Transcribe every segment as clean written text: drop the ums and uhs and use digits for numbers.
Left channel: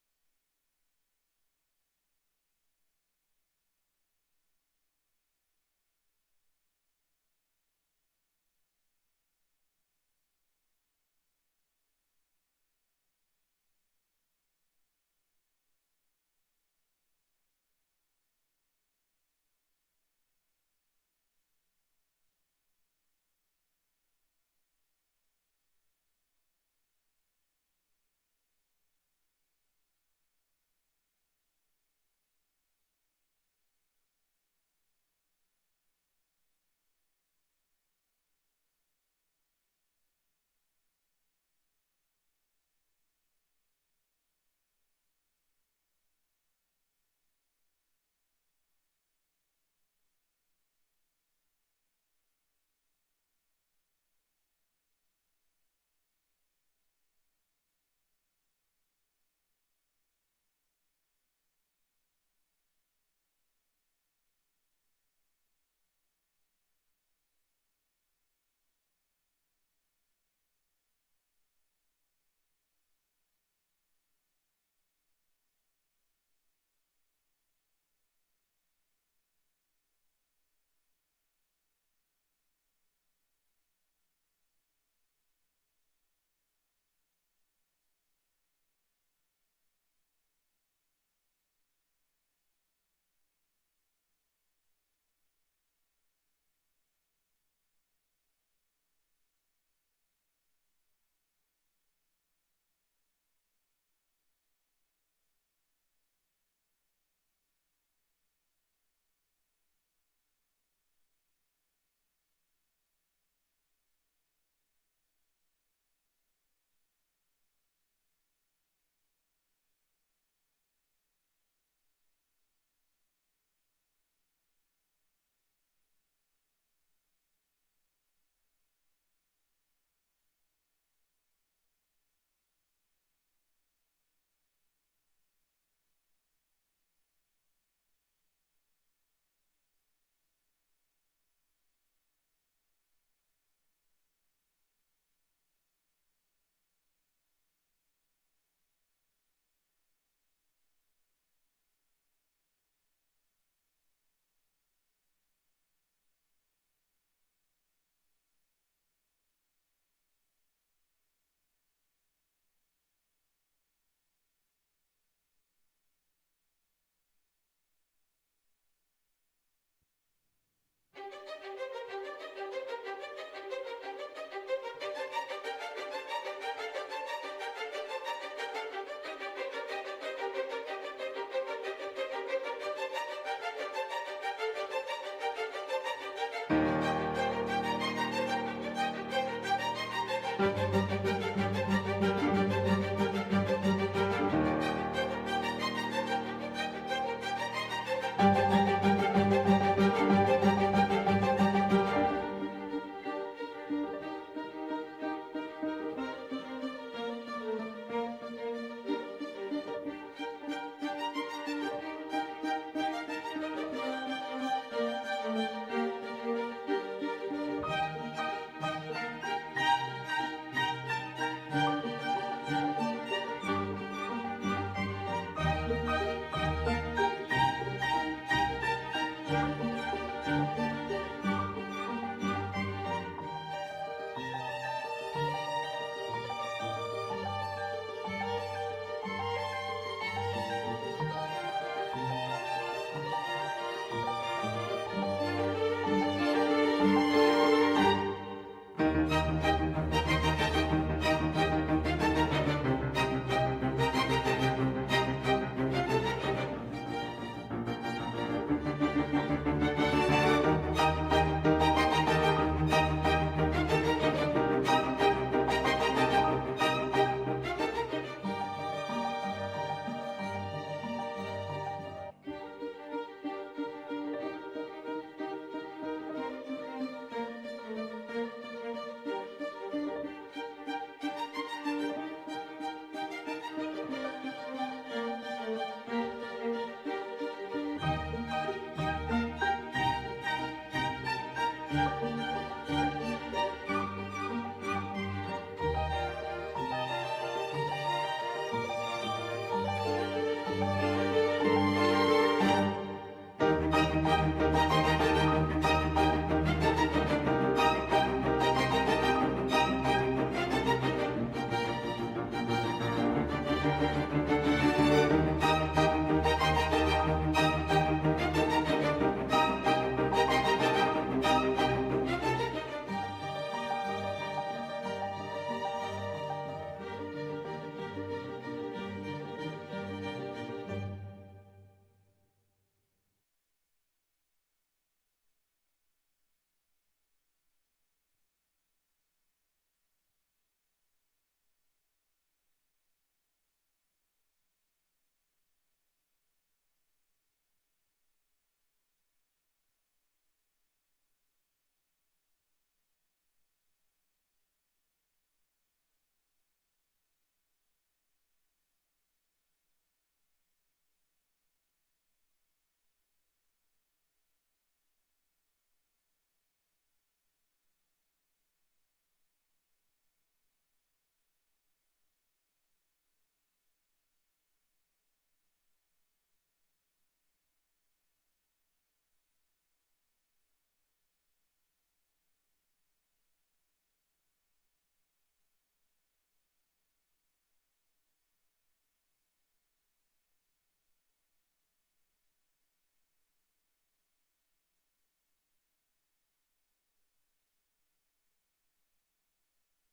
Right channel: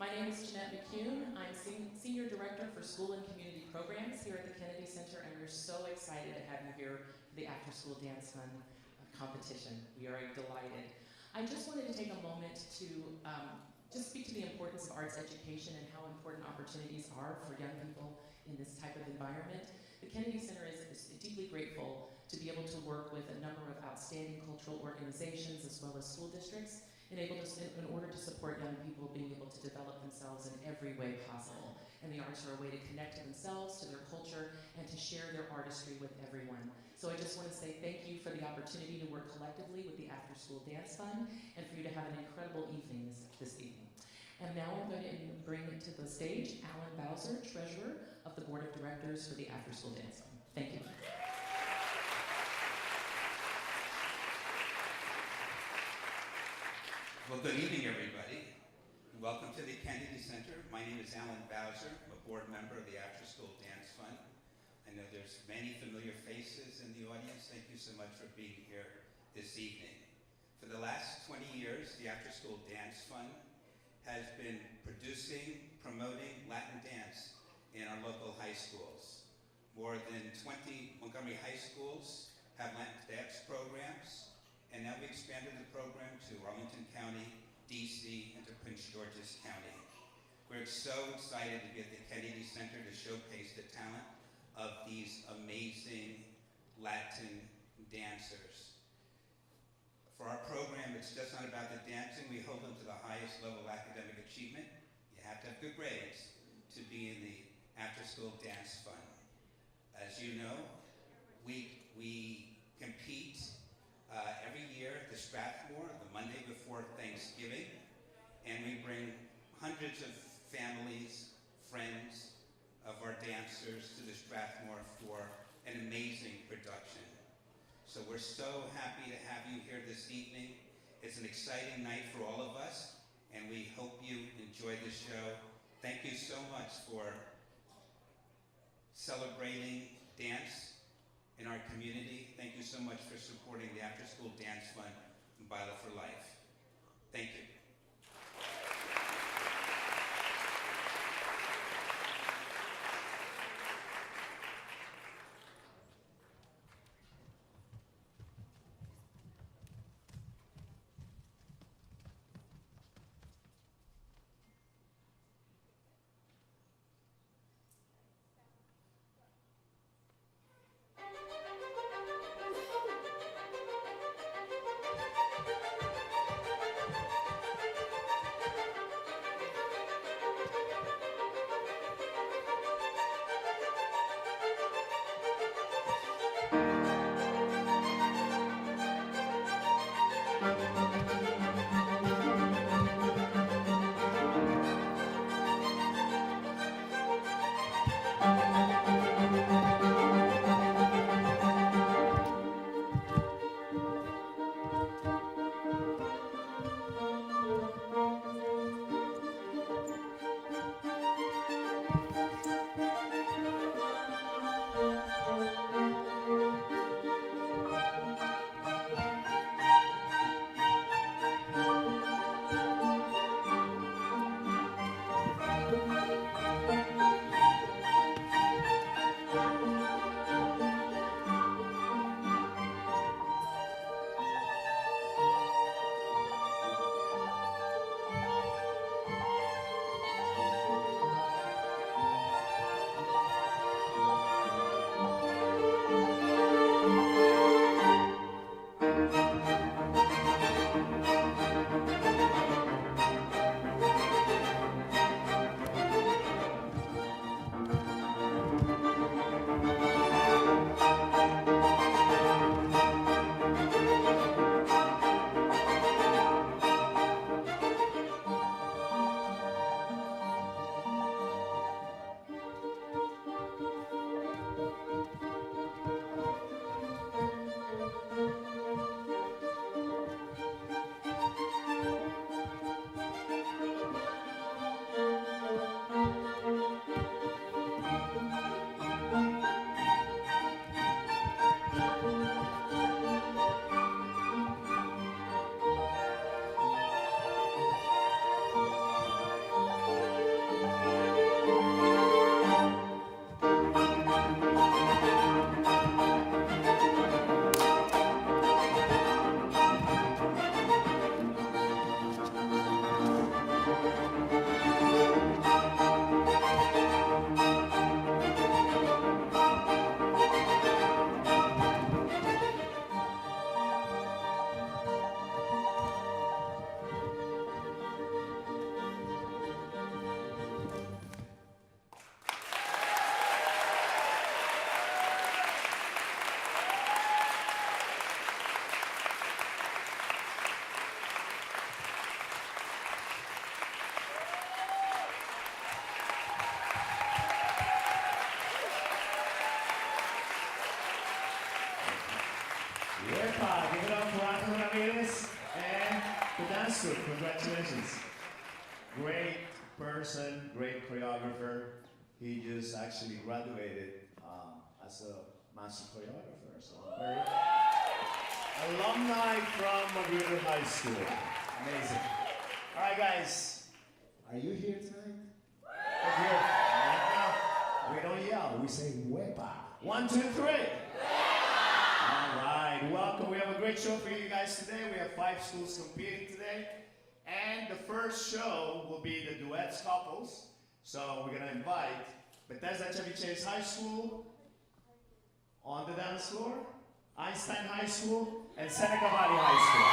My name is Jeanette McCune. I'm Senior Director for School and Community Programs here at the Kennedy Center, and we're so excited to have you here for the After School Dance Fund competition. We are delighted. I just wanted to take a moment to just speak to the importance of arts education and how important opportunities are for young people in this type of environment. The Kennedy Center is deeply grateful to be able to work with a number of outstanding cultural organizations as well as school districts in order to support young people being able to develop themselves in every way possible. And the arts are a way to connect to themselves, to their culture, and to share their artistry with everyone. So I just want to say thank you for the opportunity to work collectively with the After School Dance Fund and for you to have an incredible evening this evening. And now I'm going to bring to the stage Alan Bowser, Treasurer of the Board of Directors for the After School Dance Fund. Thank you. Well, good evening, everybody. Welcome to the Kennedy Center. My name is Alan Bowser. I'm a board member of the After School Dance Fund. I know there's many familiar faces in the audience. Thank you so much for being here this evening. For the last 20 years, the After School Dance Fund has been producing, promoting Latin dance in our local high schools. More than 20 Montgomery high schools have Latin dance programs. And now we expanded the program to Arlington County, DC, and to Prince George's County. We're so excited to be at the Kennedy Center to showcase the talent of these amazing Latin dancers. For our program, it's just not about the dancing. We hold them to the highest level of academic achievement. You have to have good grades to be in the After School Dance Fund. As you know, we compete every year at the Strathmore, the Monday before Thanksgiving, and we bring hundreds of families, friends of our dancers to the Strathmore for an amazing production. So we're so happy to have you here this evening. It's an exciting night for all of us, and we hope you enjoy the show. Thank you so much for celebrating dance in our community. Thank you so much for supporting the After School Dance Fund and Bila for Life. Thank you. master. Congratulations. Great person, great choreographer. He just actually graduated as a master choreographer. So very alumni from Montgomery High School. Amazing. All right, guys. Are you here tonight? Up here. We don't yell. We say "Wepa." 1, 2, 3. All right. Welcome. We have a great show for you guys today. We have 5 schools competing today. And the first show will be the Duets couples. So we're going to invite Bethesda Chevy Chase High School on the dance floor, Einstein High School, and Seneca Valley High School.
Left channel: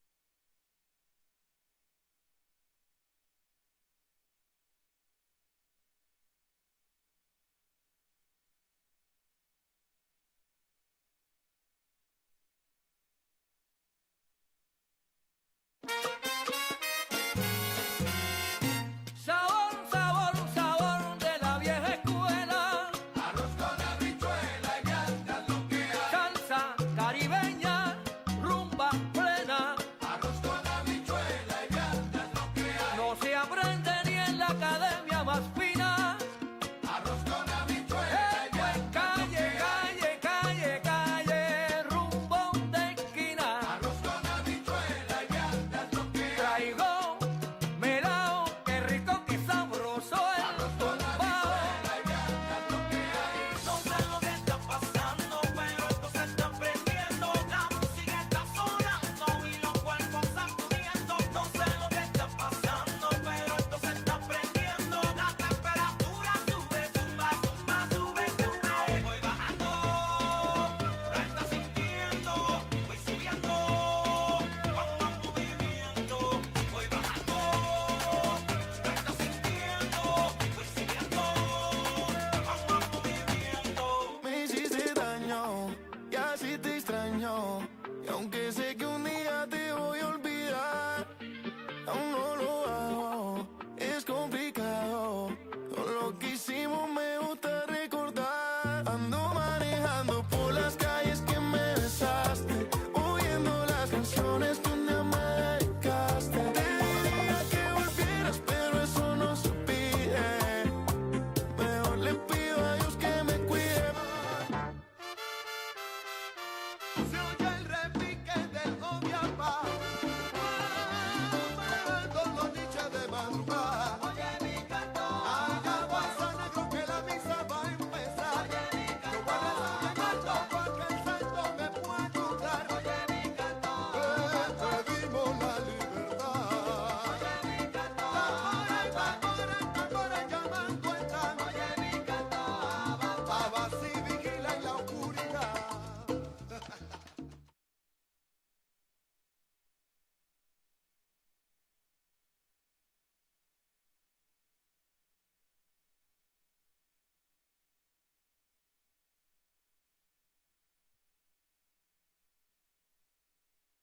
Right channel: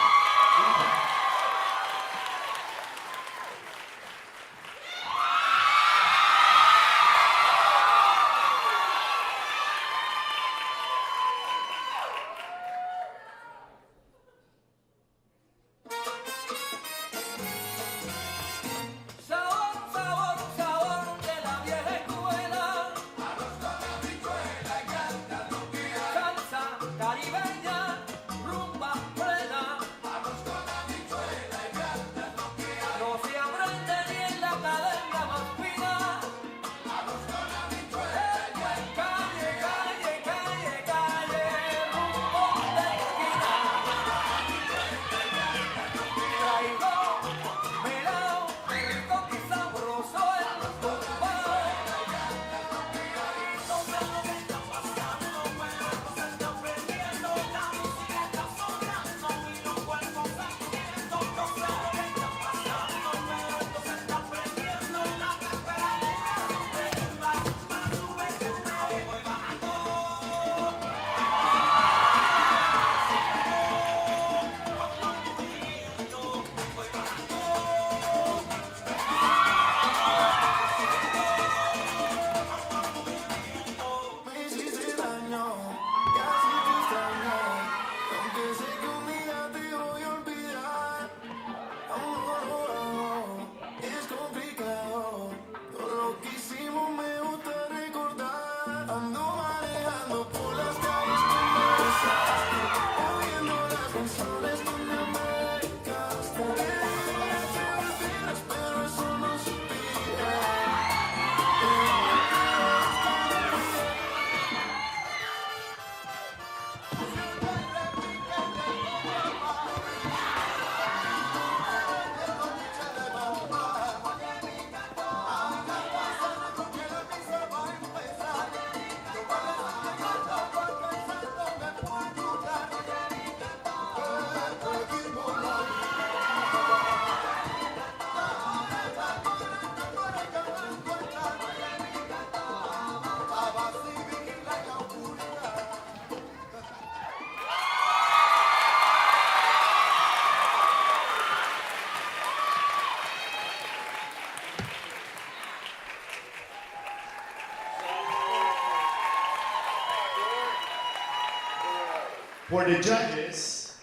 For the judges,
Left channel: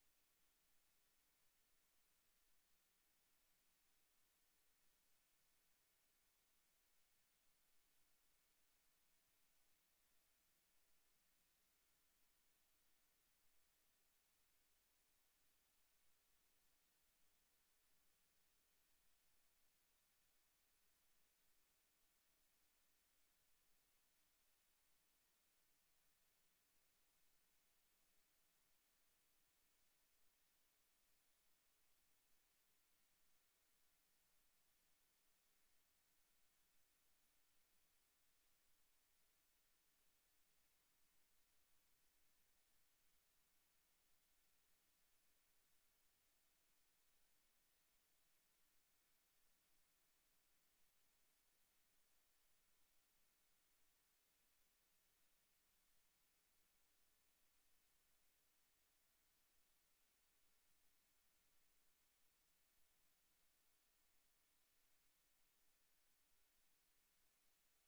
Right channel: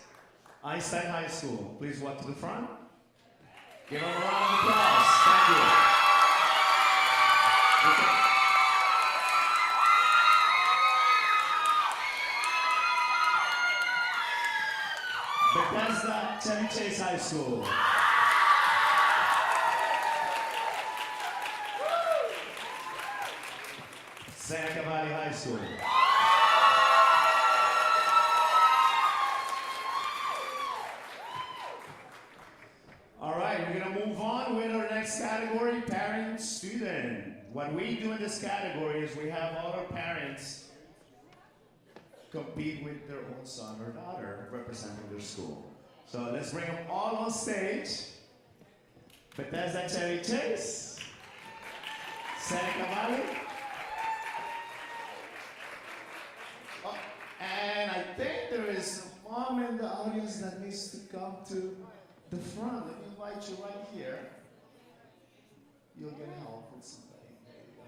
Einstein High School, please walk to the front. Give them a round of applause. Thank you. Bethesda Chevy Chase High School. Seneca Valley High School. All right, we're going to move on with our next category, parent-student. What we do in this category is we have all our parents compete with their own son or daughter representing their school. So let's bring them all on stage. Bethesda Chevy Chase, Seneca Valley. Oh, and I think there is a mom in the audience that needs to come to the front. Let me invite you right here. You'll get help with somebody. There you go.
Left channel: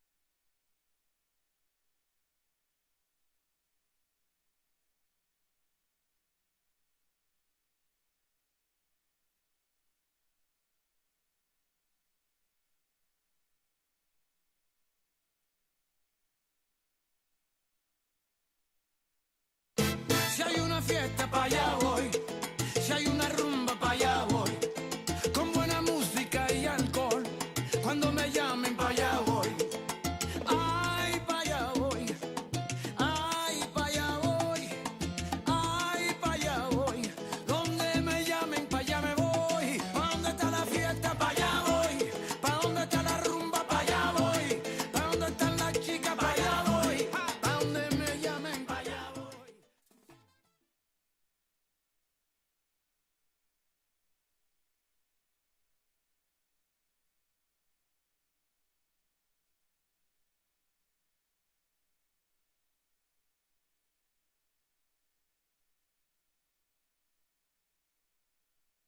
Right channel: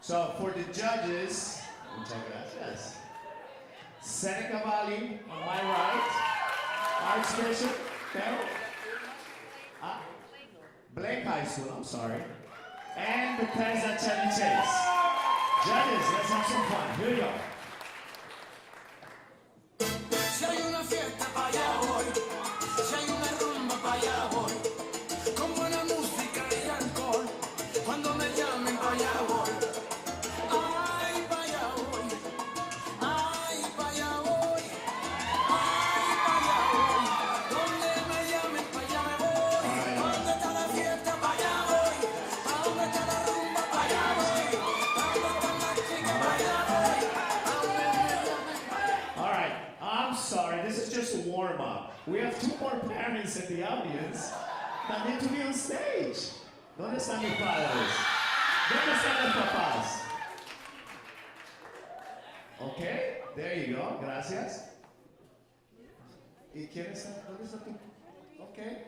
So for the judges, check it out. Yes. Seneca Valley on my right. Archbishop Carol. Blake High School, I'm sorry. And Bethesda Chevy Chase. Judges, let's have some fun. Here we go. Si hay una fiesta pa' allá voy, si hay una rumba pa' allá voy, con buena música y alcohol, cuando me llamen pa' allá voy. Ay, pa' allá voy, ay, pa' allá voy, ay, pa' allá voy, donde me llamen pa' allá me voy. Pa' donde está la fiesta pa' allá voy, pa' donde está la rumba pa' allá voy, pa' donde están las chicas pa' allá voy, pa' donde me llamen pa' allá. All right, I'm sorry, this is just a warm-up. We have 2 more parents in the audience that need to be on stage. ¿Dónde están mis padres? ¿Dónde están los papás? Okay, there you go, gracias. ¿Y quién está? ¿Dónde está tú? Okay.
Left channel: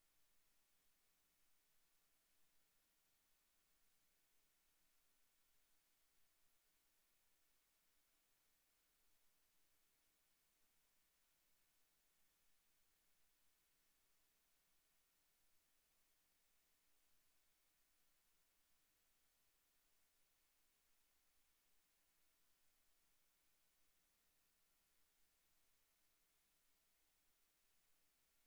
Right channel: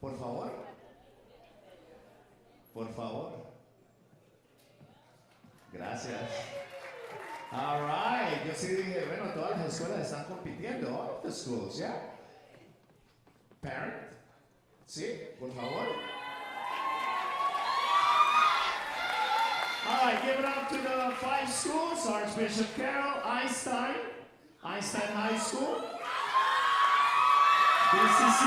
Por favor. Por favor. Gracias. All right, yo sí dije, bueno, todas las escuelas están compitiendo, all of the schools, yeah? Parent, sí, por favor. All right, give it up to the 5 schools, Archbishop Carroll, Einstein High School, DCC,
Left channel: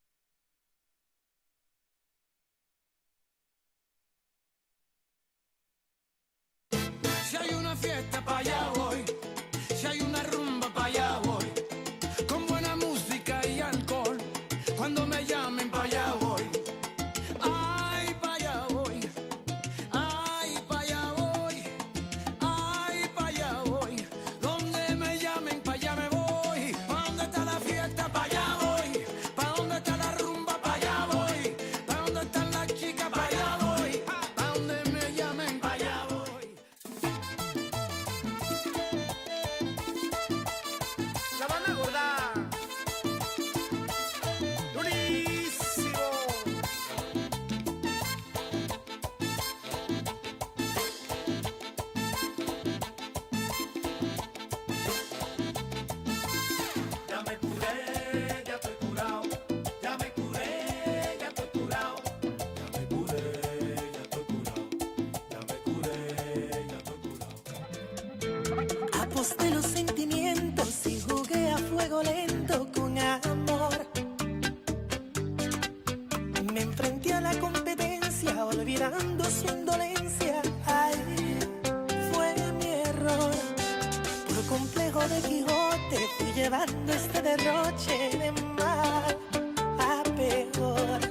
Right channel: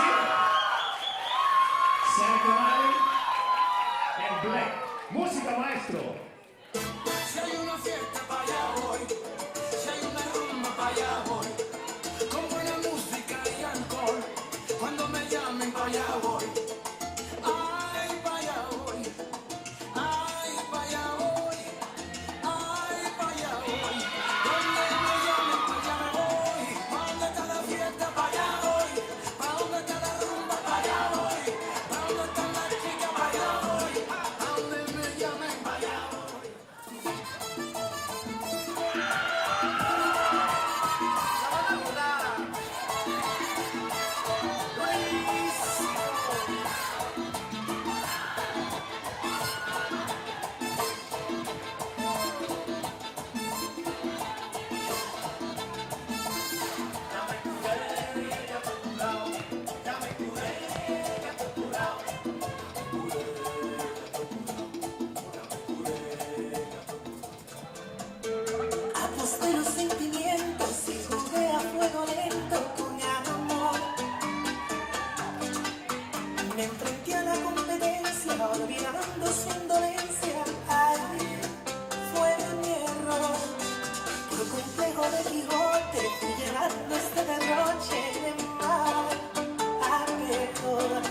Seneca Valley, and Black. Música, maestro. Si hay una fiesta pa' allá voy, si hay una rumba pa' allá voy, con buena música y alcohol, cuando me llamen pa' allá voy. Ay, pa' allá voy, ay, pa' allá voy, ay, pa' allá voy, donde me llamen pa' allá me voy. Pa' donde está la fiesta pa' allá voy, pa' donde está la rumba pa' allá voy, pa' donde están las chicas pa' allá voy, pa' donde me llamen pa' allá voy. Aposté los sentimientos y jugué a fuego lento con amor. Me enfrenté a la competencia olvidando su indolencia. Ay, fue mi error. Por complejo de Quijote fui llevando este derroche de mal a peor.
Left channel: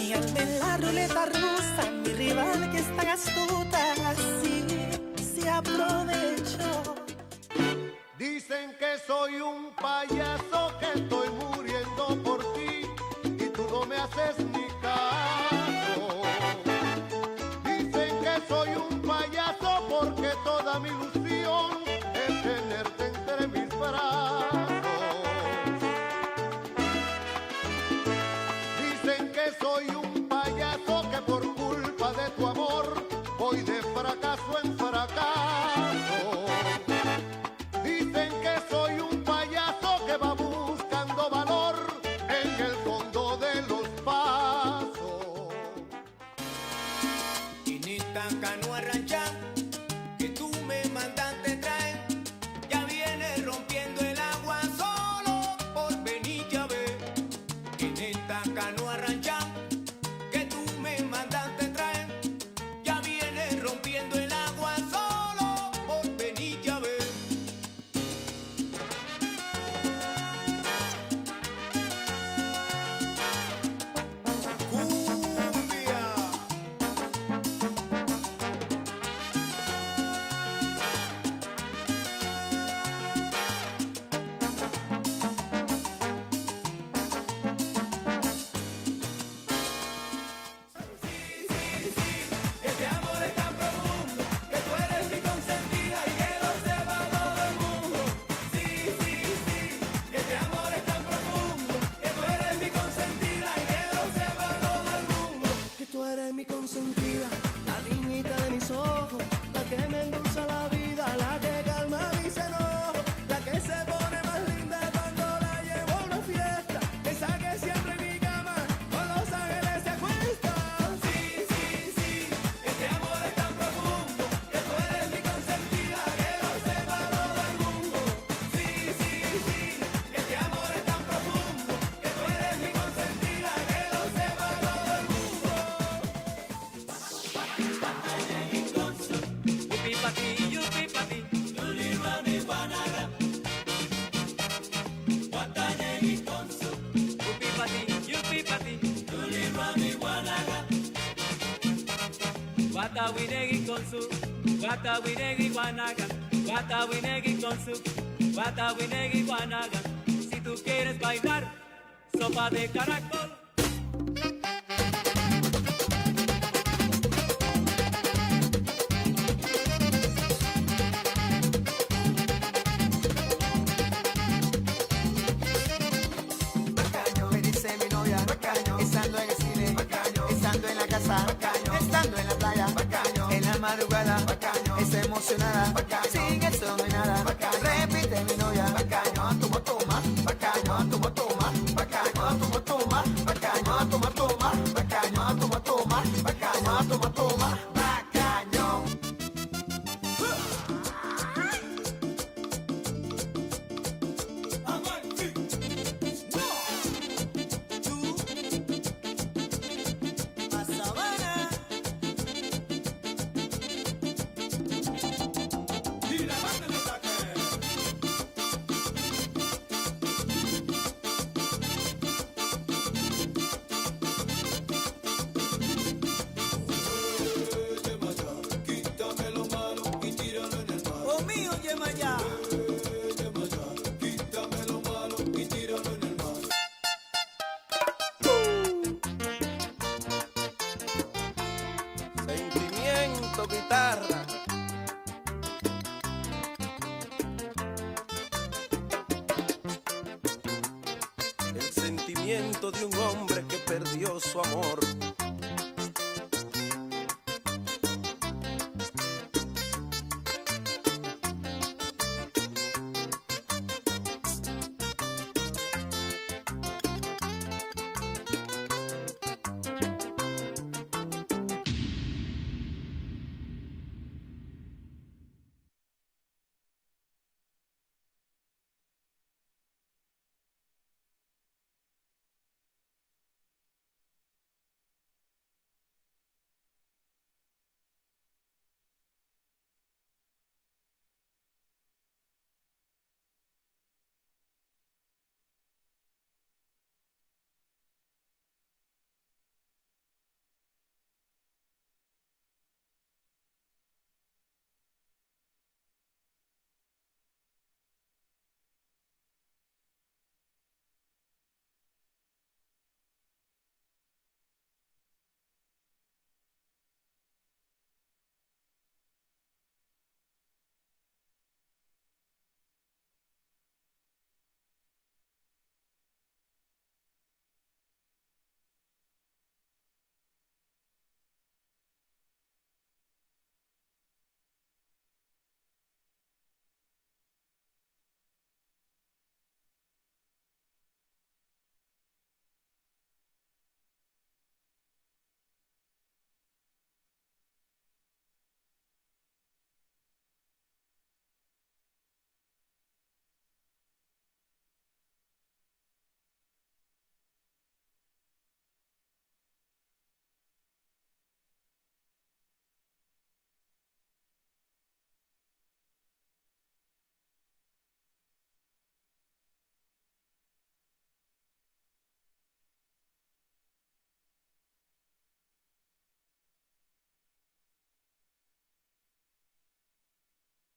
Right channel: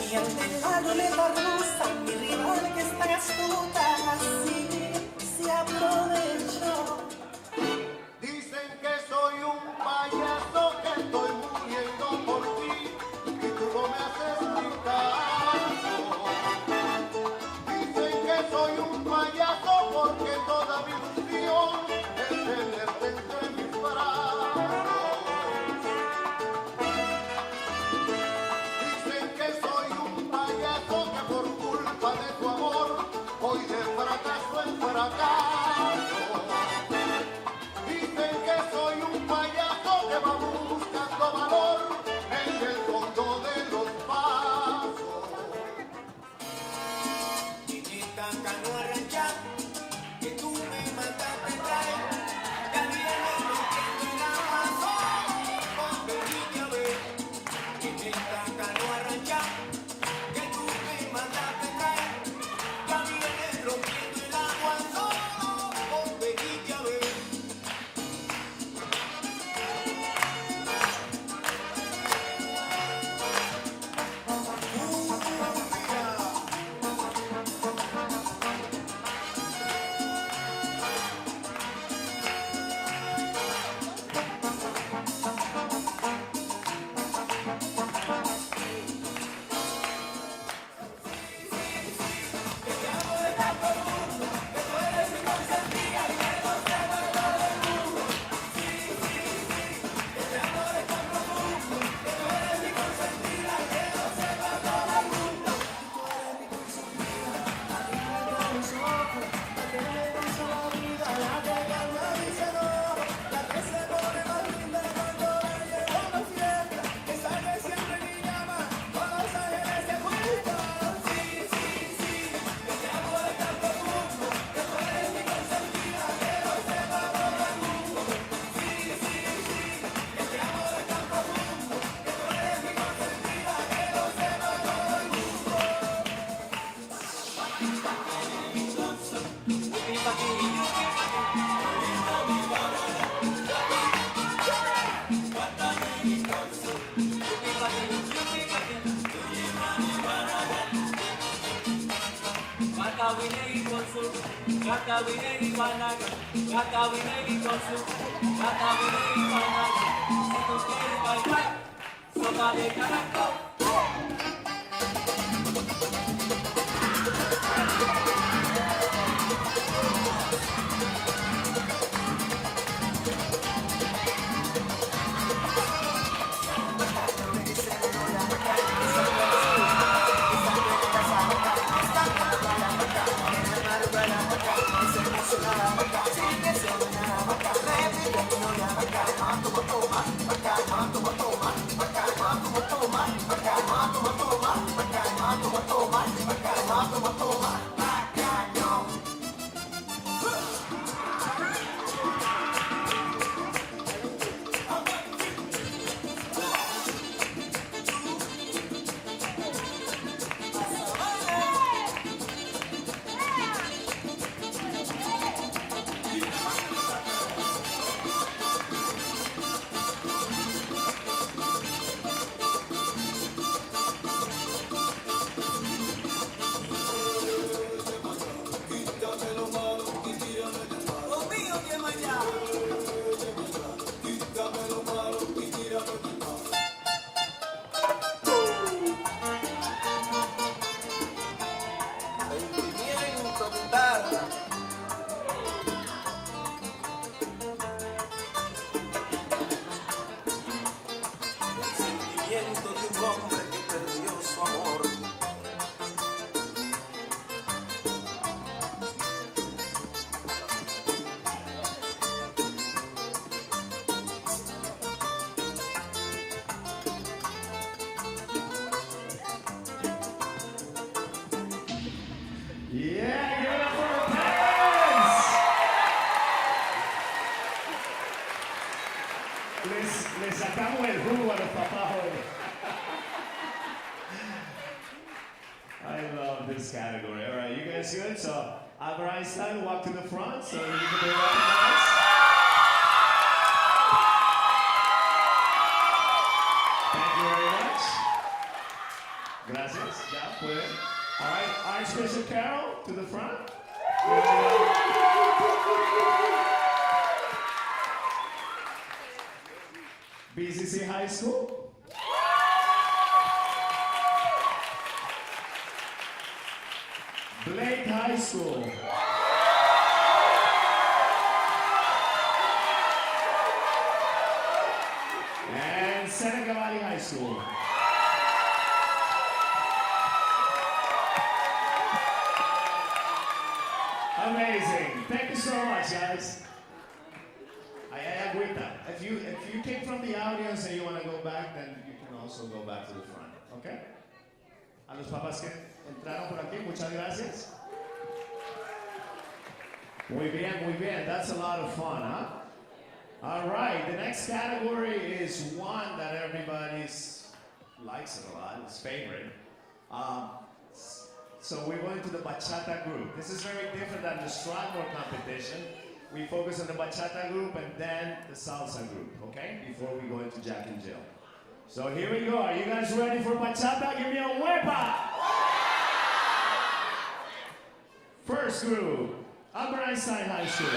Y al ver la ruleta rusa, mi rival que es tan astuta, así se aprovechó. Gata Binegui Panaga, Gata Binegui con su Gata Binegui Panaga. Si tú quieres bailar, sopa de caracol. Le sacamos el jugo a los papás hoy. I love this category. All right, you guys good? So, Albert Einstein, walk to the front so you can be recognized. Thank you very much. Gracias. Ya, pueden. All right, Archbishop Carol, to the front. BCC High School. Blake High School. And Seneca Valley High School. Amazing. Thank you so much, guys. If you came from the audience and you want to go back, then you can also go back to the front, okay? A los papás que entraron por aquí, muchas gracias. Muy bien, muy bien. That's a lot of fun, huh? All right, the next category is one that everybody likes it a lot, it's favorite. So we're going to the Bachata Group. This is very different than the Strathmore competition. We focus on the Bachata Group and then the Salsa Group, okay? Before we go into Jack and Jill. So here we go. Are you guys ready for Bachata? Give me a huepa! First group, Albert Einstein High School.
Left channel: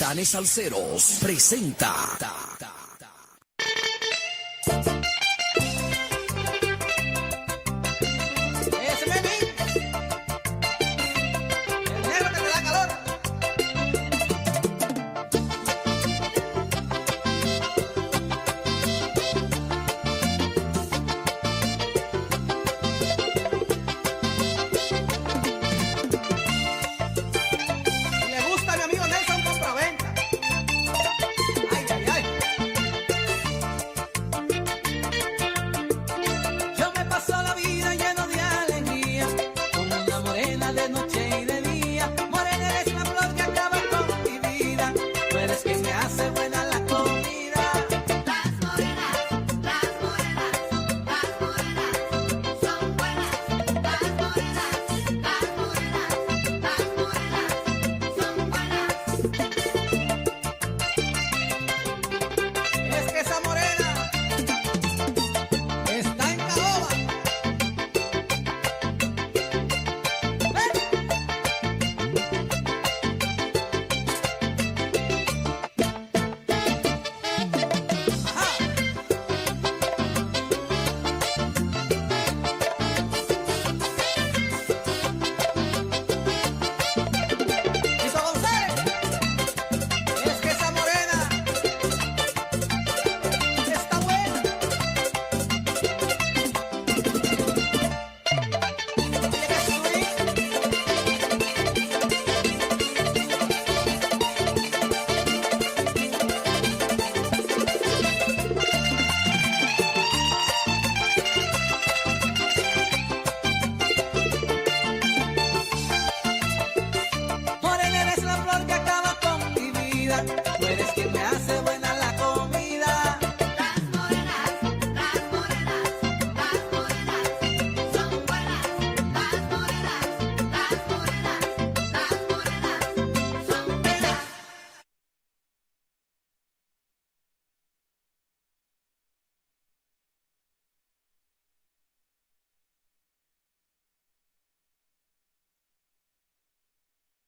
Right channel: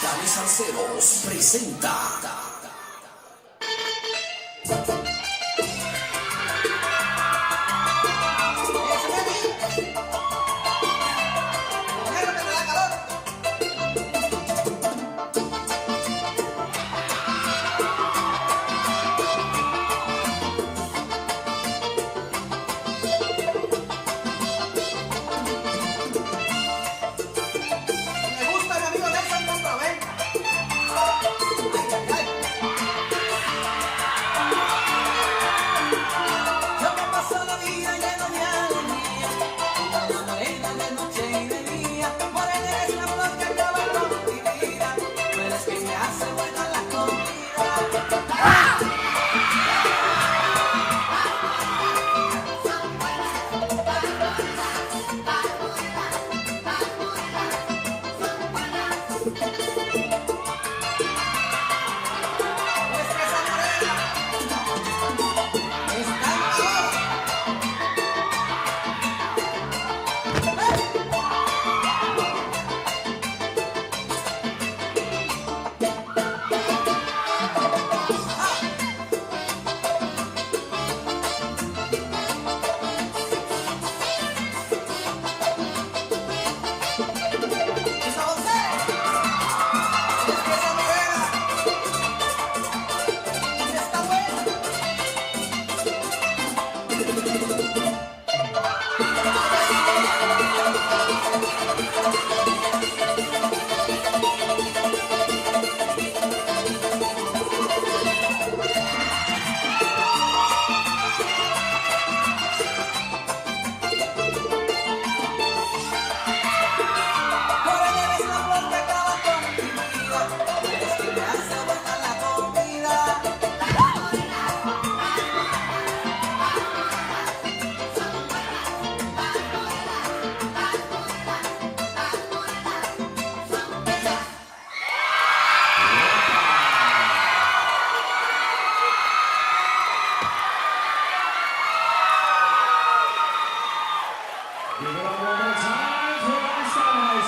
Dale Salseros presenta. Me gusta mi amigo Nelson Costa, ven. Ay, ay, ay.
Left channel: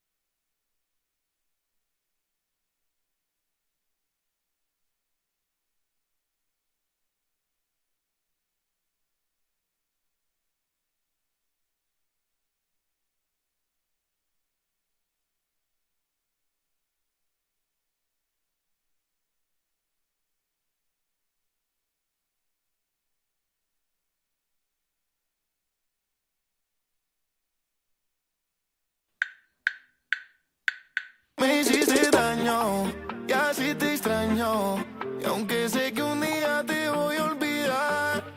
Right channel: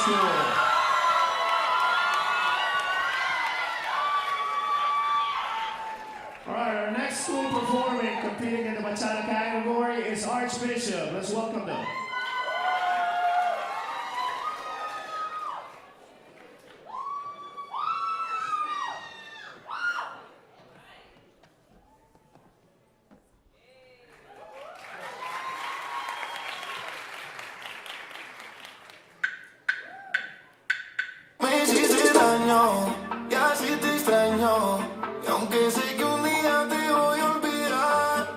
School. All right, our next school performing, competing in the Bachata category is Archbishop. Let's welcome them. Me hiciste daño, y así te extraño. Y aunque sé que un día te voy a olvidar,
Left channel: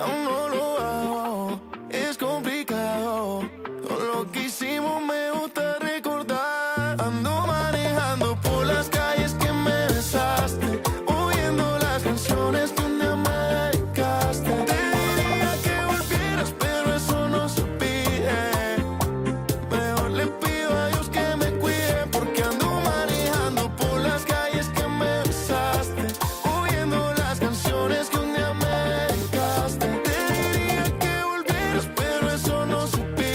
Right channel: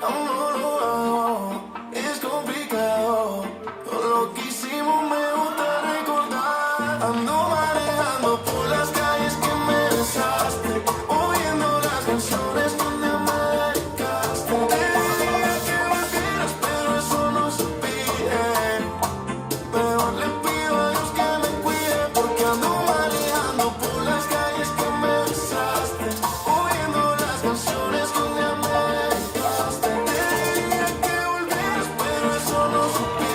aún no lo hago, es complicado. Todo lo que hicimos me gusta recordar. Ando manejando por las calles que me besaste, oyendo las canciones donde me dedicaste. Te diría que volvieras, pero eso no supe. Mejor le pido a Dios que me cuide, porque ando manejando por las calles que me besaste, oyendo las canciones que un día me dedicaste. Te diría que volvieras, pero eso no supe.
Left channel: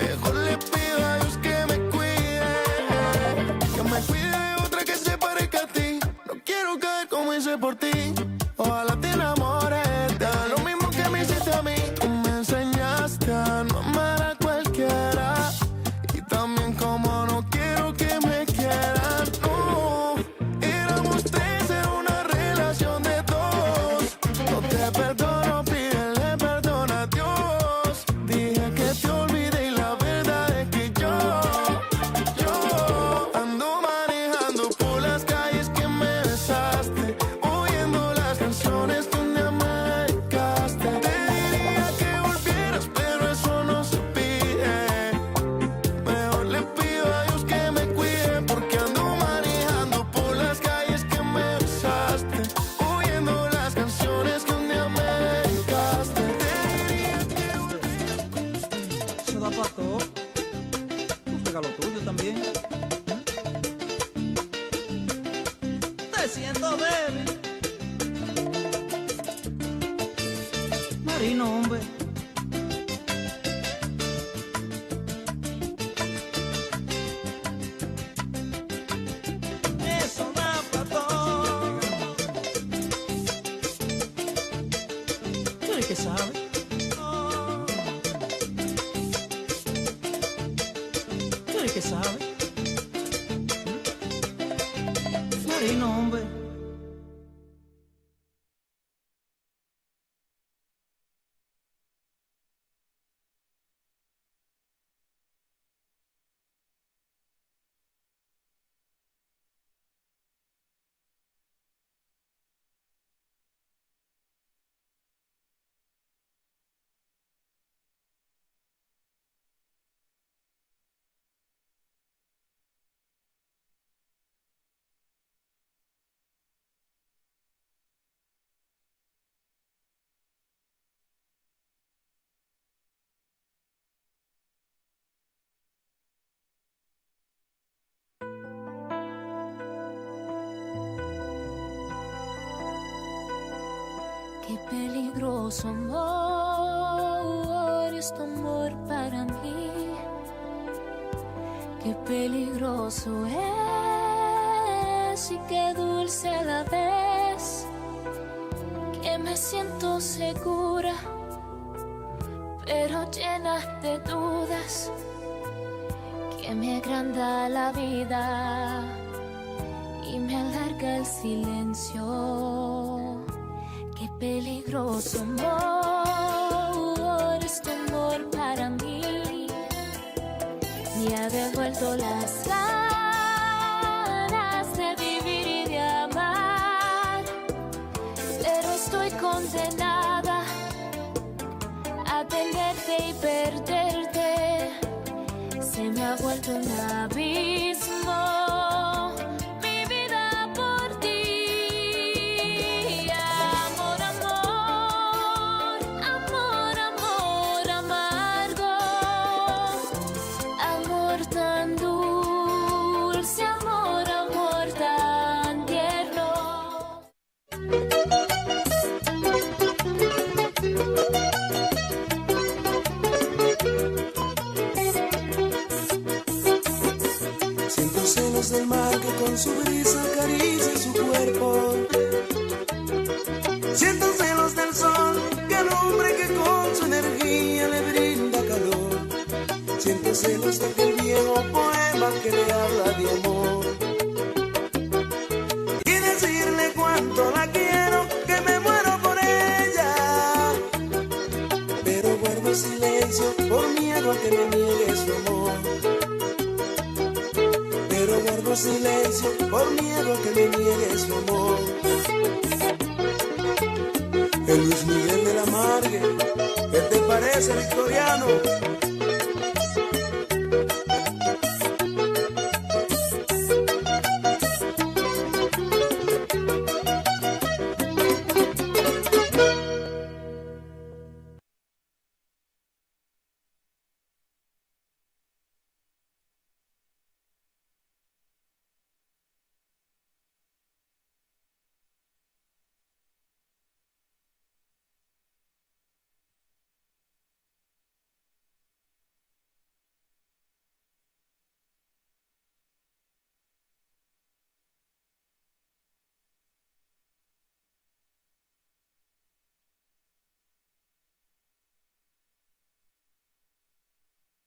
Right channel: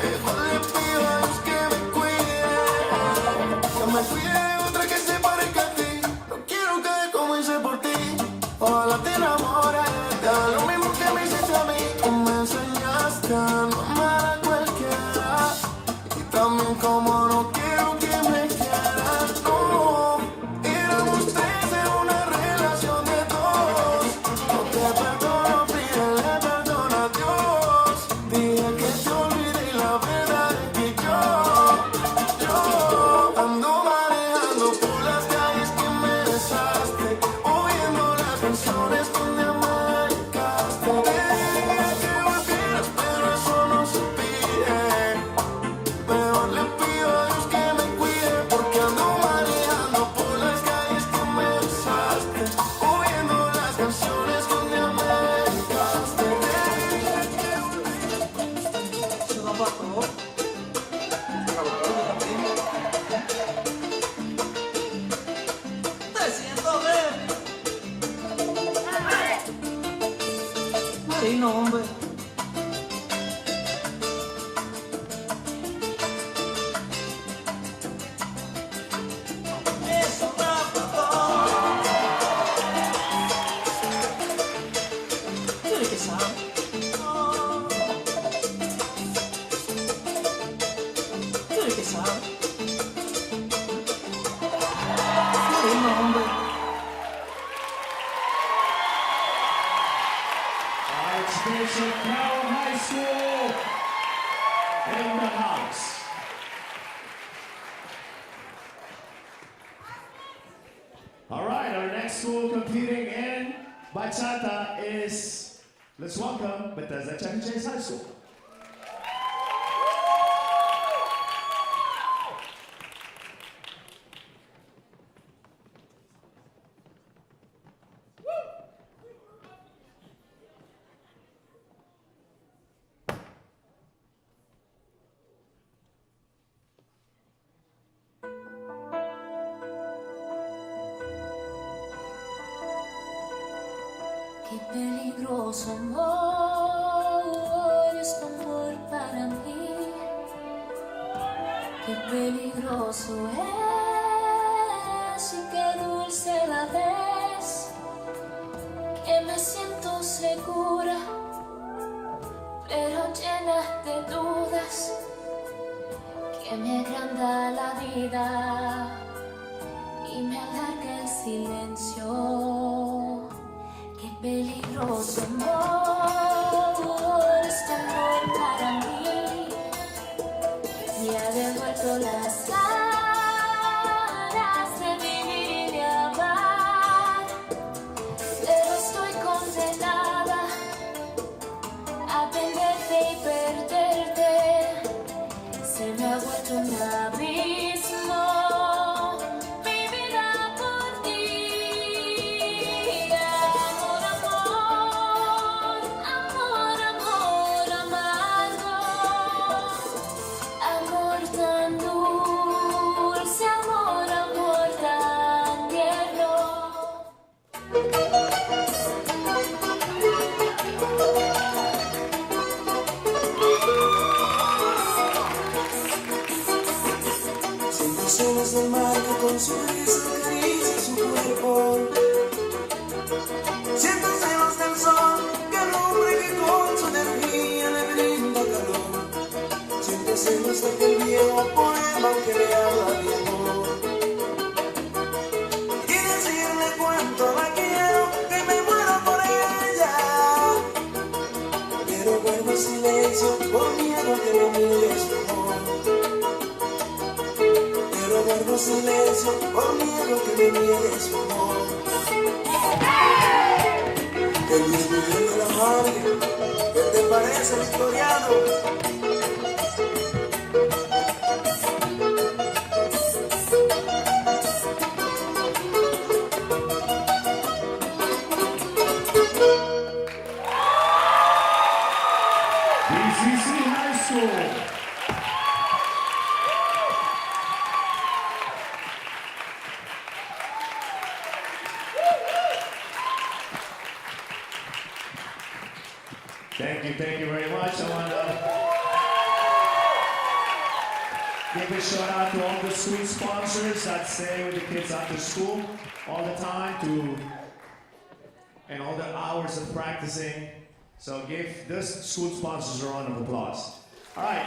Mejor le pido a Dios que me cuide. No me pide otra que se parezca a ti. No quiero que comience por ti. Ojalá te enamores, te haga lo mismo que me hiciste a mí. Tú me enseñaste a no amar a cualquiera, y también como no quiero que me quieras. No, éramos tres en una relación de dos. No te perdono, pídele perdón a Dios. Dije que te olvidé y la verdad es que yo ando manejando por las calles que me besaste, oyendo las canciones que un día me dedicaste. Te diría que volvieras, pero eso no se pide. Mejor le pido a Dios que me cuide, porque ando manejando por las calles que me besaste, oyendo las canciones que un día me dedicaste. Te diría que Me siento bien. Ay, no, hombre. Eso me apagó. ¿Qué que sabe? ¿Qué que sabe? Ay, no, hombre. Archbishop Carroll High School in the house. All right, our next school competing in Bachata is, let's welcome Bethesda Chuck Chase High School. Qué peligroso amor es tu amor para mí. Qué peligroso es y qué dulce la vez. Que me siento segura, pero llena de dudas. Que me agranda la vida y me alarga el silencio. Qué peligroso amor es tu amor para mí. Me ha devuelto las ganas de vivir y de amar, pero estoy condenada a tenerte y perderte. Se me ha vuelto un abismo mi vida por ti. Amor, amor, Siento celos del mar que con su brisa acaricia su cuerpo. Siento celos del sol que alumbra y que con su energía le brinda calor. Siento celos de aquel viejo poema que le habla de amor. Y decirle cuánto la quiero, que me muero por ella. Pero guardo silencio por miedo a que me niegue su amor. Pero guardo silencio por miedo que me niegue su amor. El Luis Miguel de la Madre, ¿qué te parece, victoriano? DCPS High School. Thank you very much. I want to give a shout out to all the sweet sponsors that stay with the kids after school all the time and all the hours of practicing. So give this school sponsors a round of applause. All right,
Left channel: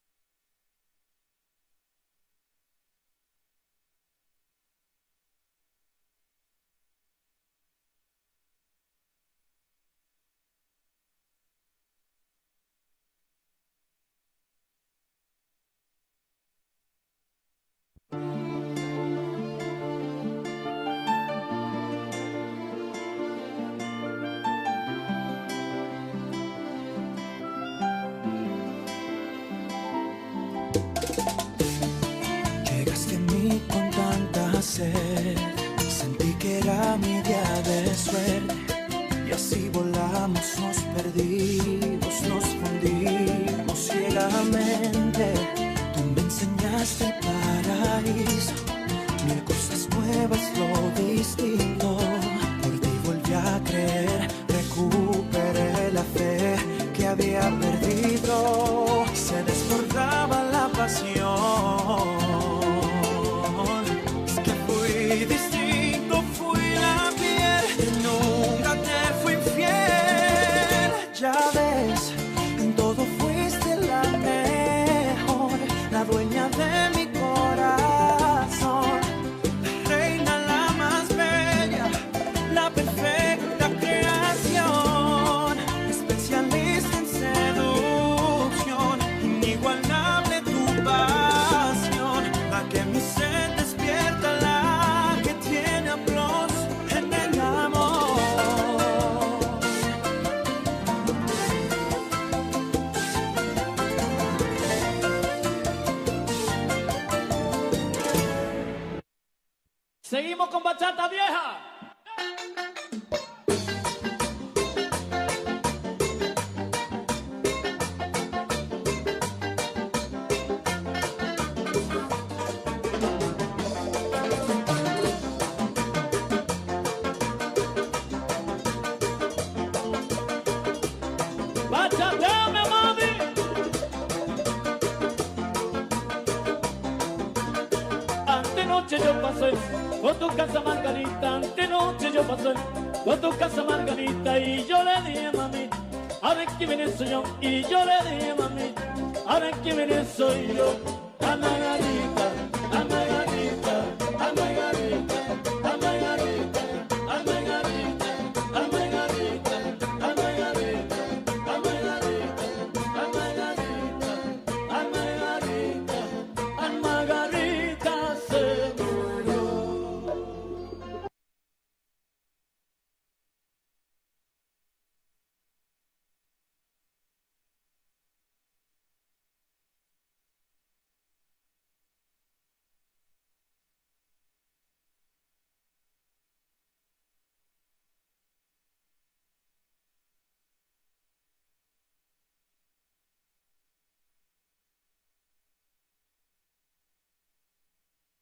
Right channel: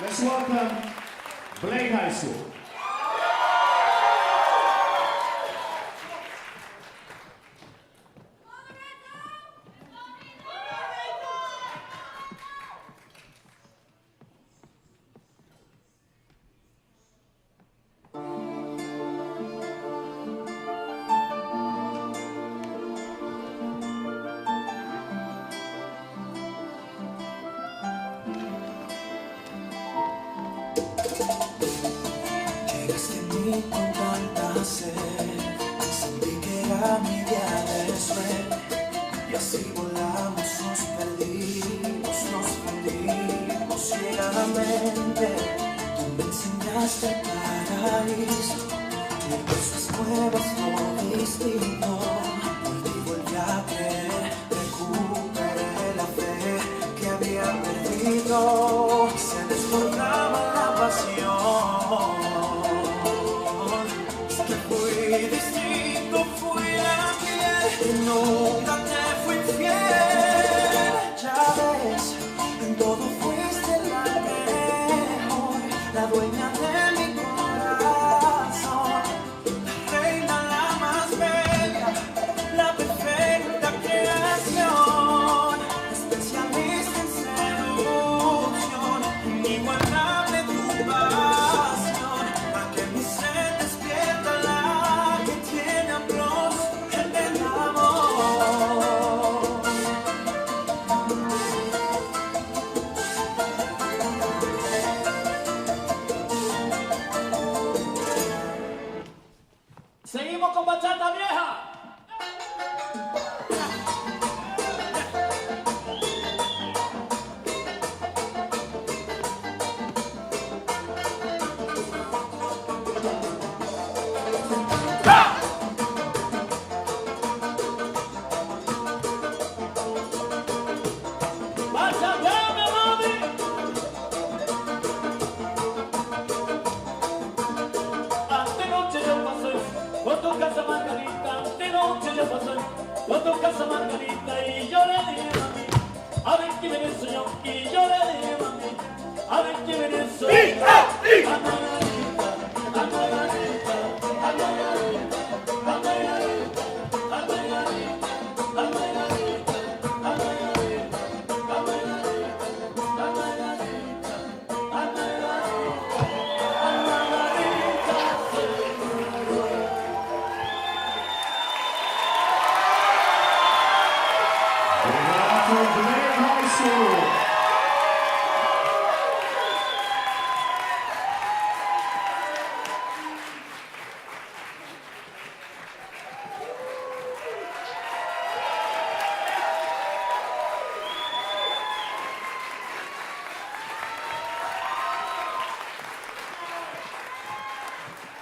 let's welcome Blake High School. Llegaste a mí con tanta sed, sentí que era mi día de suerte. Y así volamos, nos perdimos, nos fundimos ciegamente. Tú me enseñaste el paraíso, mil cosas nuevas, lo distinto. Por ti volví a creer, recuperé la fe que había perdido. Se desbordaba la pasión. Es que fui distinto, fui a fiel, nunca te fui infiel. Ya ves, en todo fuiste la mejor, la dueña de mi corazón, la reina, la más bella, la perfecta creación, especialista en seducción, inigualable tu pasión, la que mi sed despierta, la que tiene amplos en el amor. Seguimos con bachata vieja. Bachateame, mami. Antenoche yo pasé por tu casa, Margarita. Antenoche yo pasé por tu casa, Margarita. Y yo le dije, mami, a ver quién viene soy yo. Y yo le dije, mami, a ver quién viene soy yo. A Margarita, a Margarita, a Margarita, a Margarita, a Margarita, a Margarita, a Margarita, a Margarita, a Margarita, a Margarita, a Margarita, seguro. Give it up for Blake High School.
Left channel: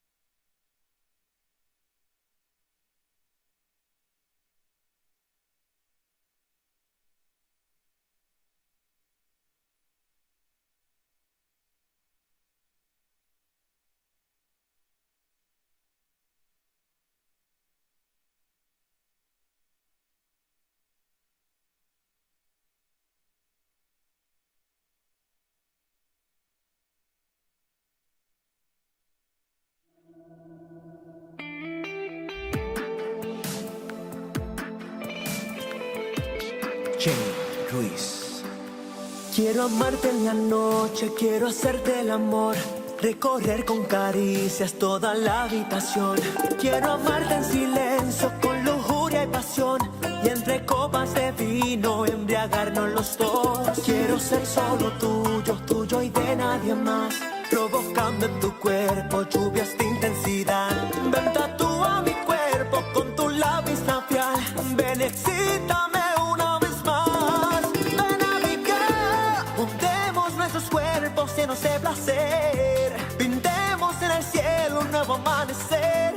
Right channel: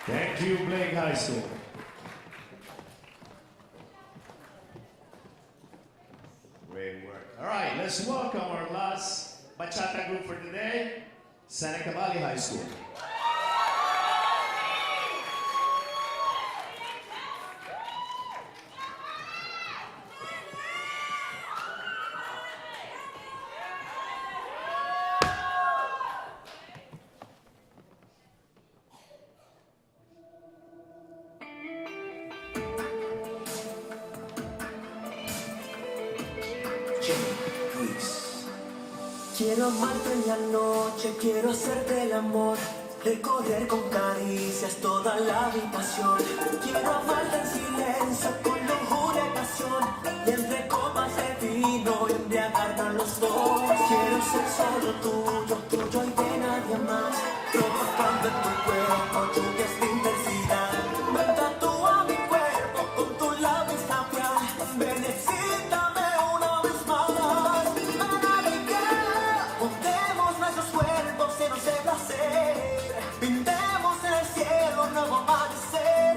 Thank you, Blake High School. Great work. All right, let's welcome our last Bachata Group for today, Seneca Valley High School. Quiero amarte en la noche, quiero hacerte el amor, recorrer con caricias toda la habitación. Quiero amarte en silencio, con lujuria y pasión, y entre copas de vino embriagarnos los dos. Quiero ser solo tuyo, tuyo y de nadie más, provocando en tu cuerpo lluvias de intensidad. Ven, tatúa mi cuerpo con tu lápiz labial, ven, excítame una vez más. Ven a mi cara, juntemos nuestros cuerpos llenos de placer, pintemos en el cielo un nuevo amanecer.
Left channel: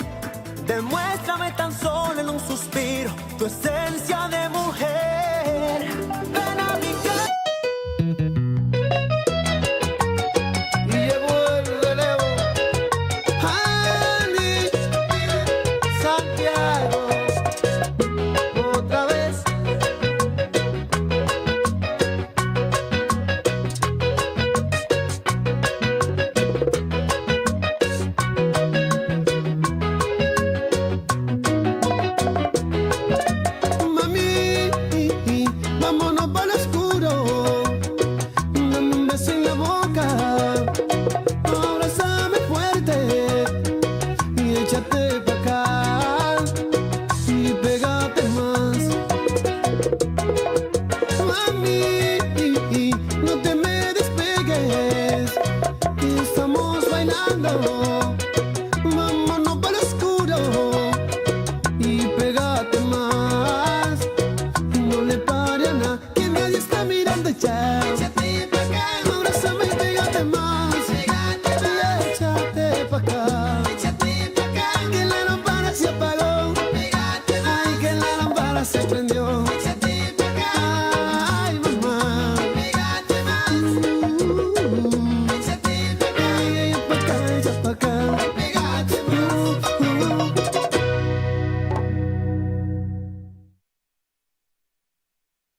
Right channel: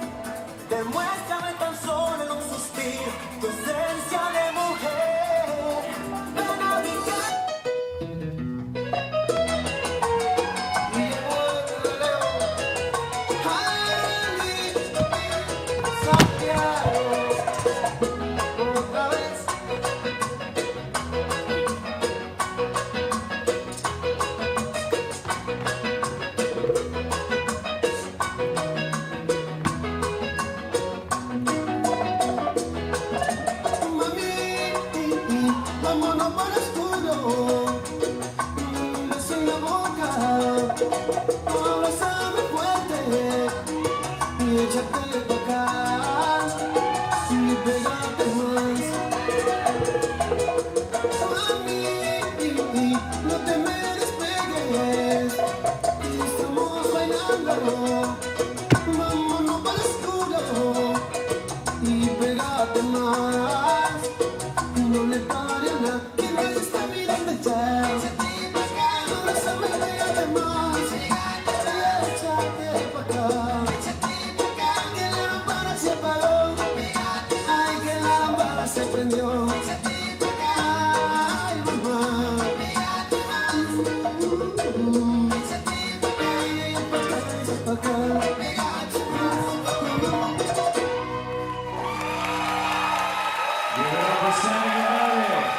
Demuéstrame tan solo en un suspiro tu esencia de mujer. Ven a mi cara. Y llegó el relevo. Ay, Santiago, otra vez. Mami, vámonos para el oscuro. Dame un beso en la boca, abrázame fuerte y échate pa' acá y pégate más. Mami, no te me despegues, que estamos bailando. Vámonos para el oscuro y pégate más. No le pare a nada, que nadie está mirando ya. Abrázame y pégate más. Y échate pa' acá. Que la lámpara se apagó. Ay, que la lámpara se prendió. Ay, mamá. Echa pa' acá. Give it up for Seneca Valley.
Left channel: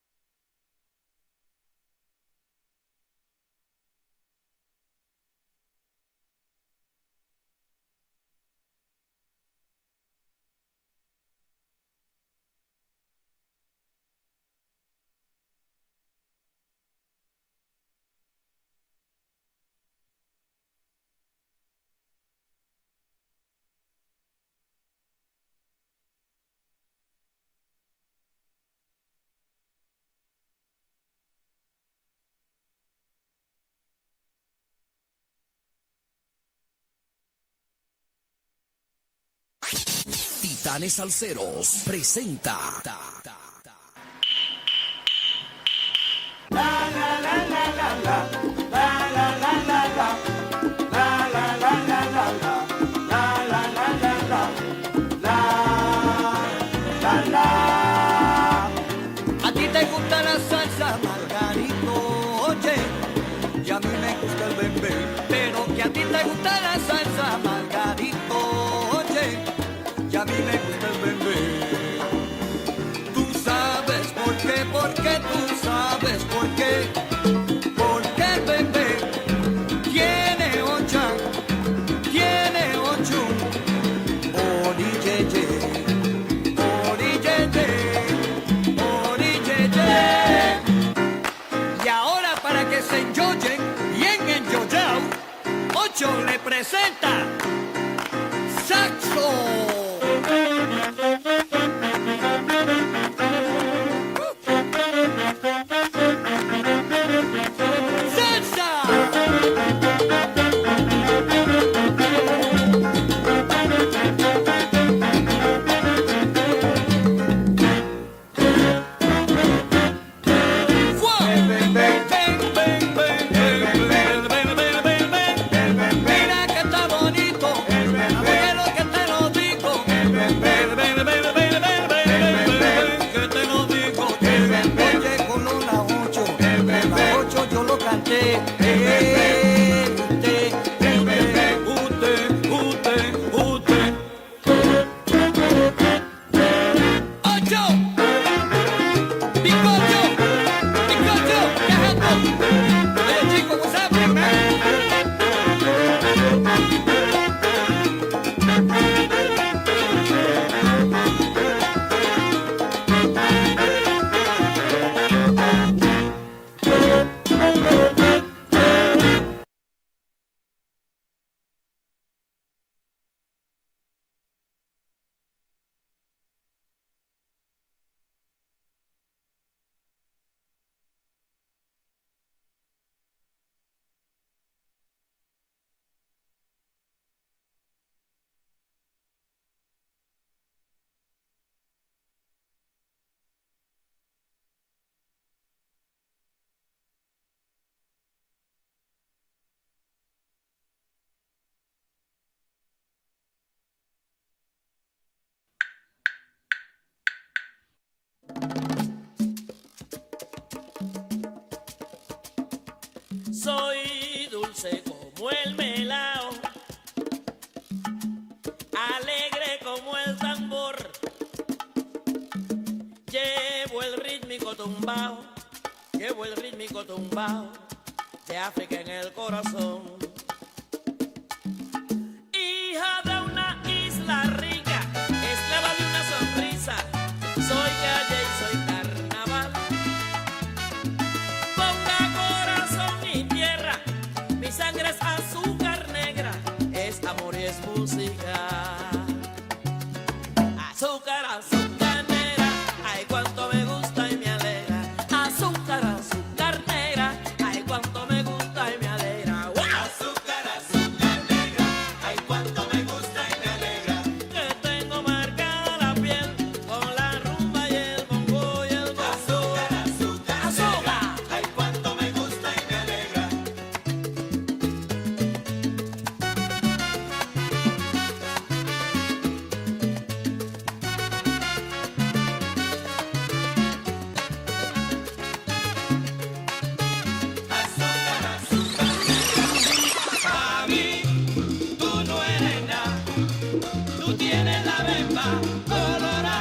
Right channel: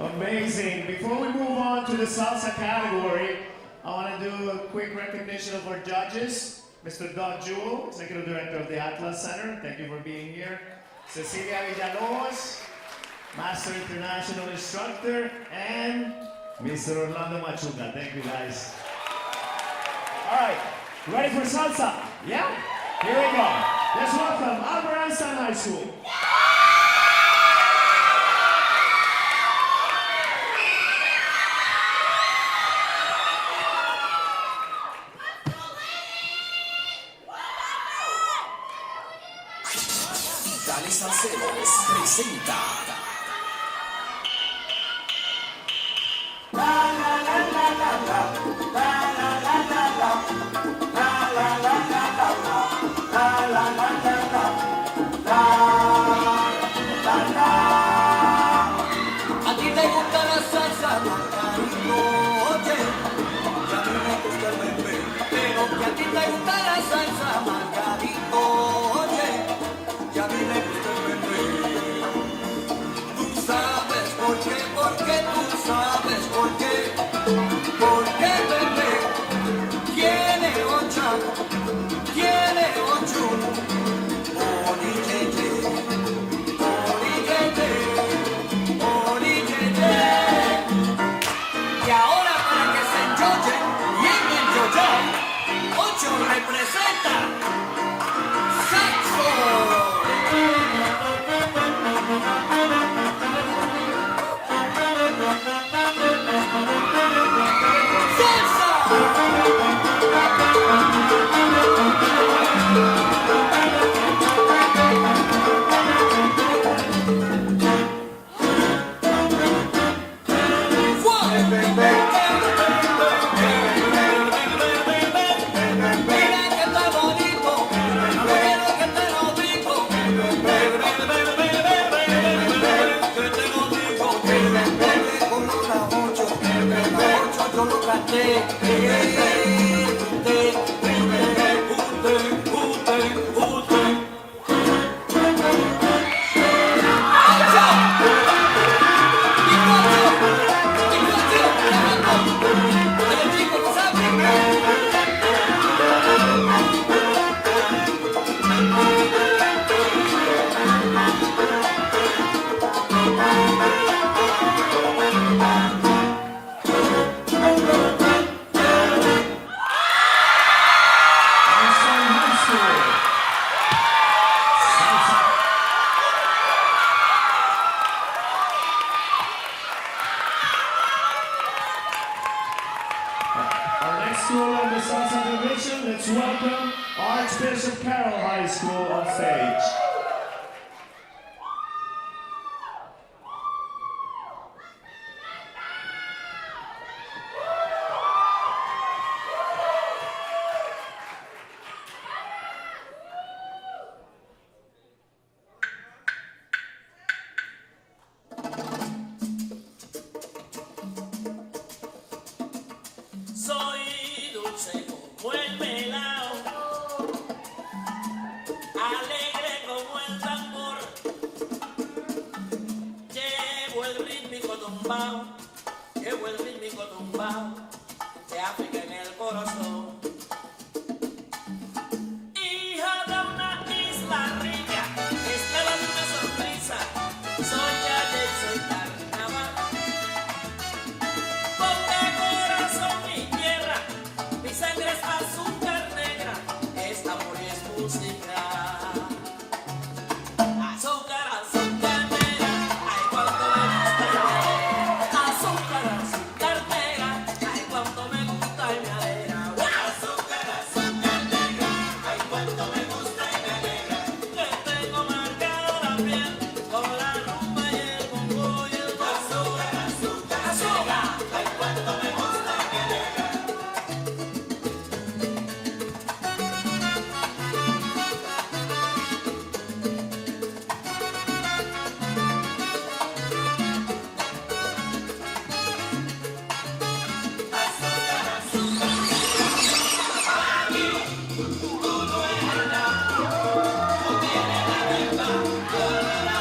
Amazing. Before we move on to the salsa category, I want to do a quick recognition of our judges. Mr. Doug Jewell, Executive Director of the Atlas Center. Thank you for being here. Cecilia Villalobos, Master International Instructor, and Mr. Orlando Machuca. Thank you, guys. All right, ready for salsa? Yeah? Here we go. Let's welcome Albert Einstein High School. Titanes Salseros presenta A ti te gusta la salsa, Margarito, oye, y a mí me gusta el bebé. Pero que a ti te gusta la salsa, Margarito, oye, y a mí me gusta el bebé. Tú sabes por qué, tú sabes por qué. Porque bebé tiene ocho, orillete, orillete. Y ahora para que se enjoyen bien enjollado, 8 representa Saxo. Mira que está bonito, pero que te lo digo. welcome Archbishop Carroll High School on stage. Soy dulce como el melao, alegre como el tambor, llevo el rítmico tumbao de África en el corazón. Hija de una isla rica, esclava de una sonrisa, soy calle y soy carnaval. Ponga corazón y tierra, mi sangre es azúcar negra, es amor y es música. Azúcar, azúcar negra, ay cuánto me gusta y me alegra. Azúcar, azúcar negra, ay cuánto me gusta y me alegra. Azúcar, azúcar negra, ay cuánto me gusta y me alegra. Que tengo marcada la piel con la rumba y el bongo y el azúcar, azúcar, azúcar, ay cuánto me gusta y me alegra.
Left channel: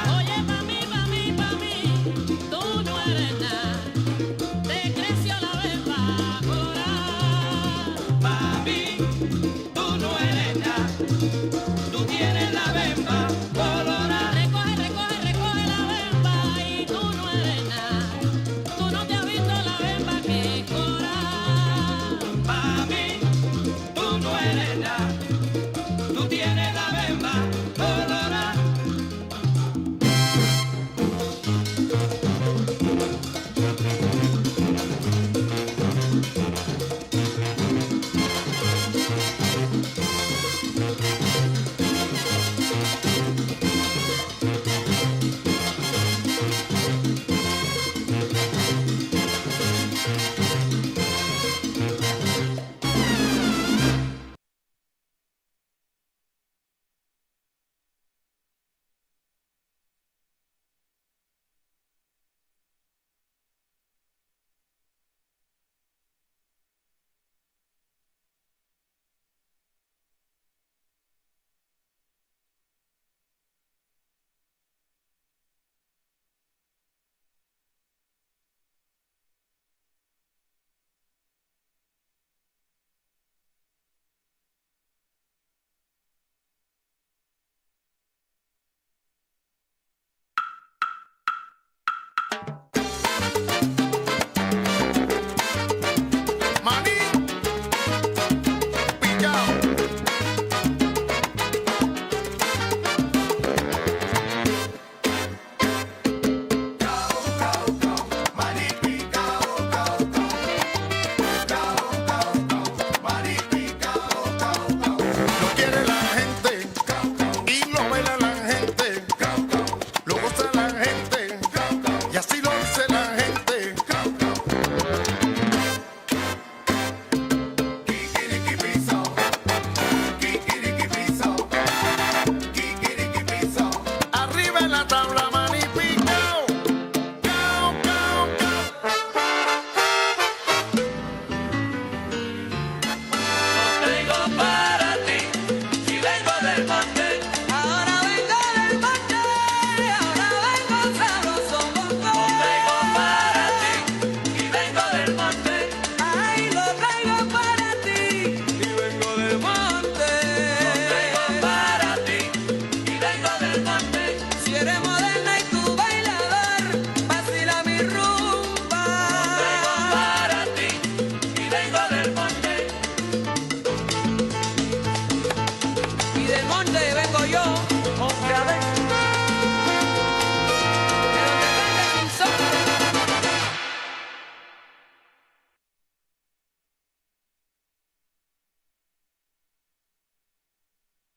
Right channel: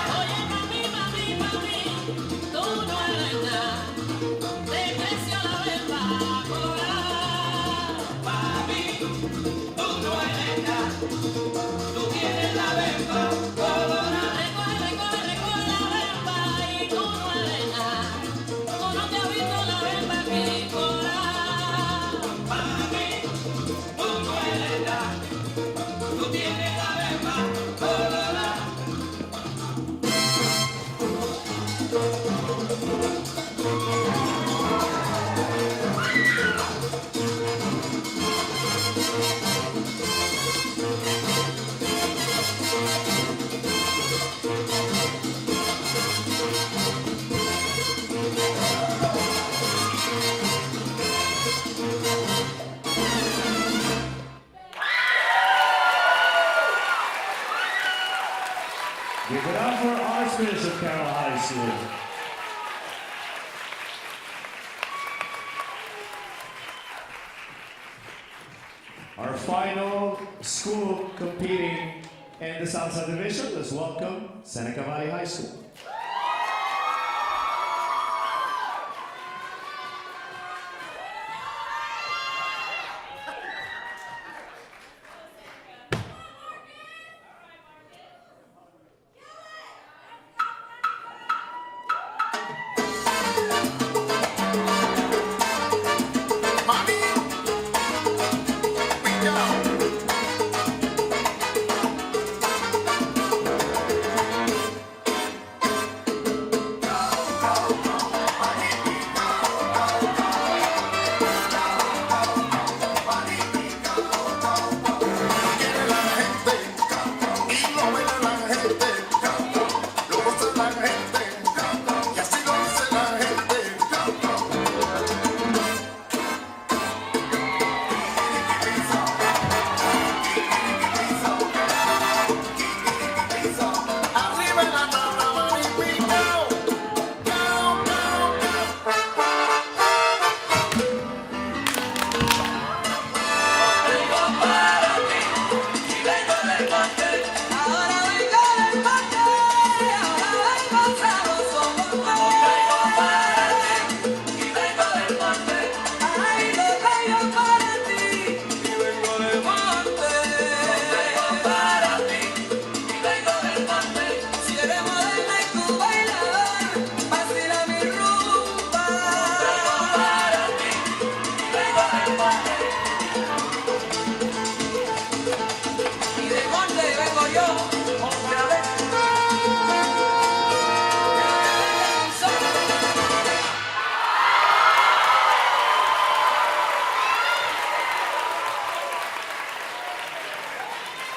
Oye, mami, mami, mami, tú no eres nada, te creció la bemba coral. Mami, tú no eres nada, tú tienes la bemba colorada. Recoge, recoge, recoge la bemba y tú no eres nada, tú no te has visto la bemba que coral. Mami, tú no eres nada, tú tienes la bemba colorada. Give it up for Archbishop Carroll High School. Our final school competing in the Salsa division, let's welcome Seneca Valley High School. Mami, pillao.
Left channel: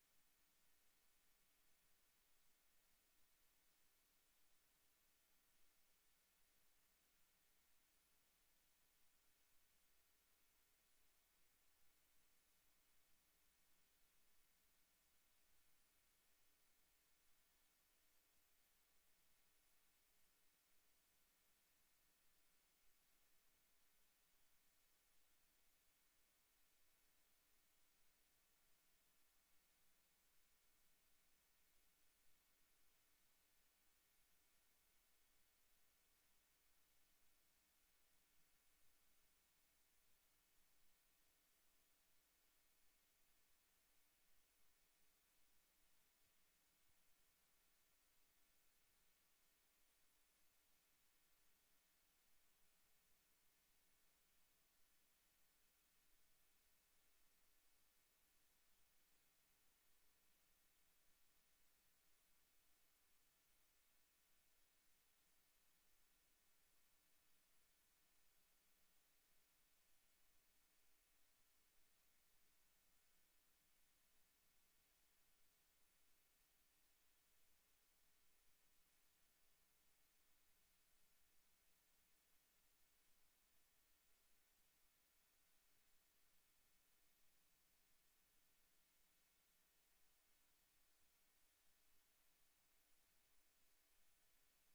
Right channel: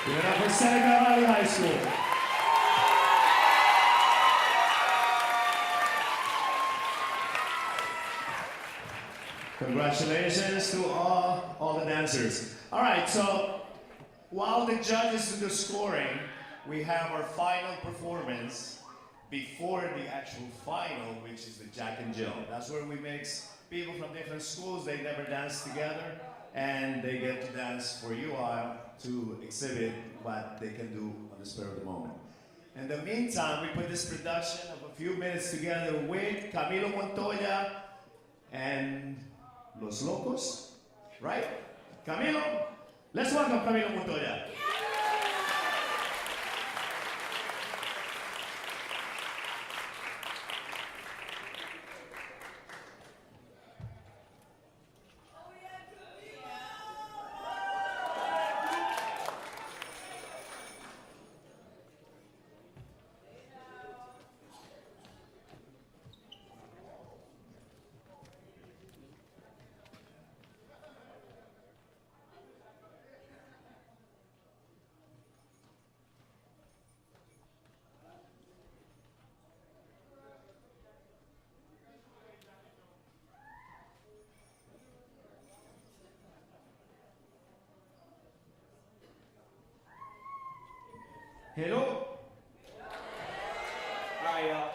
Give it up for Seneca Valley High School. Congratulations to all the dancers. All right, so while the judges do the scoring, we have our final performance before the actual final, which is the Jack and Jill. That's where we mix people from different schools. They never dance together, and they get to dance for you all to exhibit what they can do on the spur of the moment. In the meantime, we put this production of a few minutes together with Camilo Montoya and Los Locos, right? Camilo, let's welcome Camilo Montoya. Hello? Alright, y'all.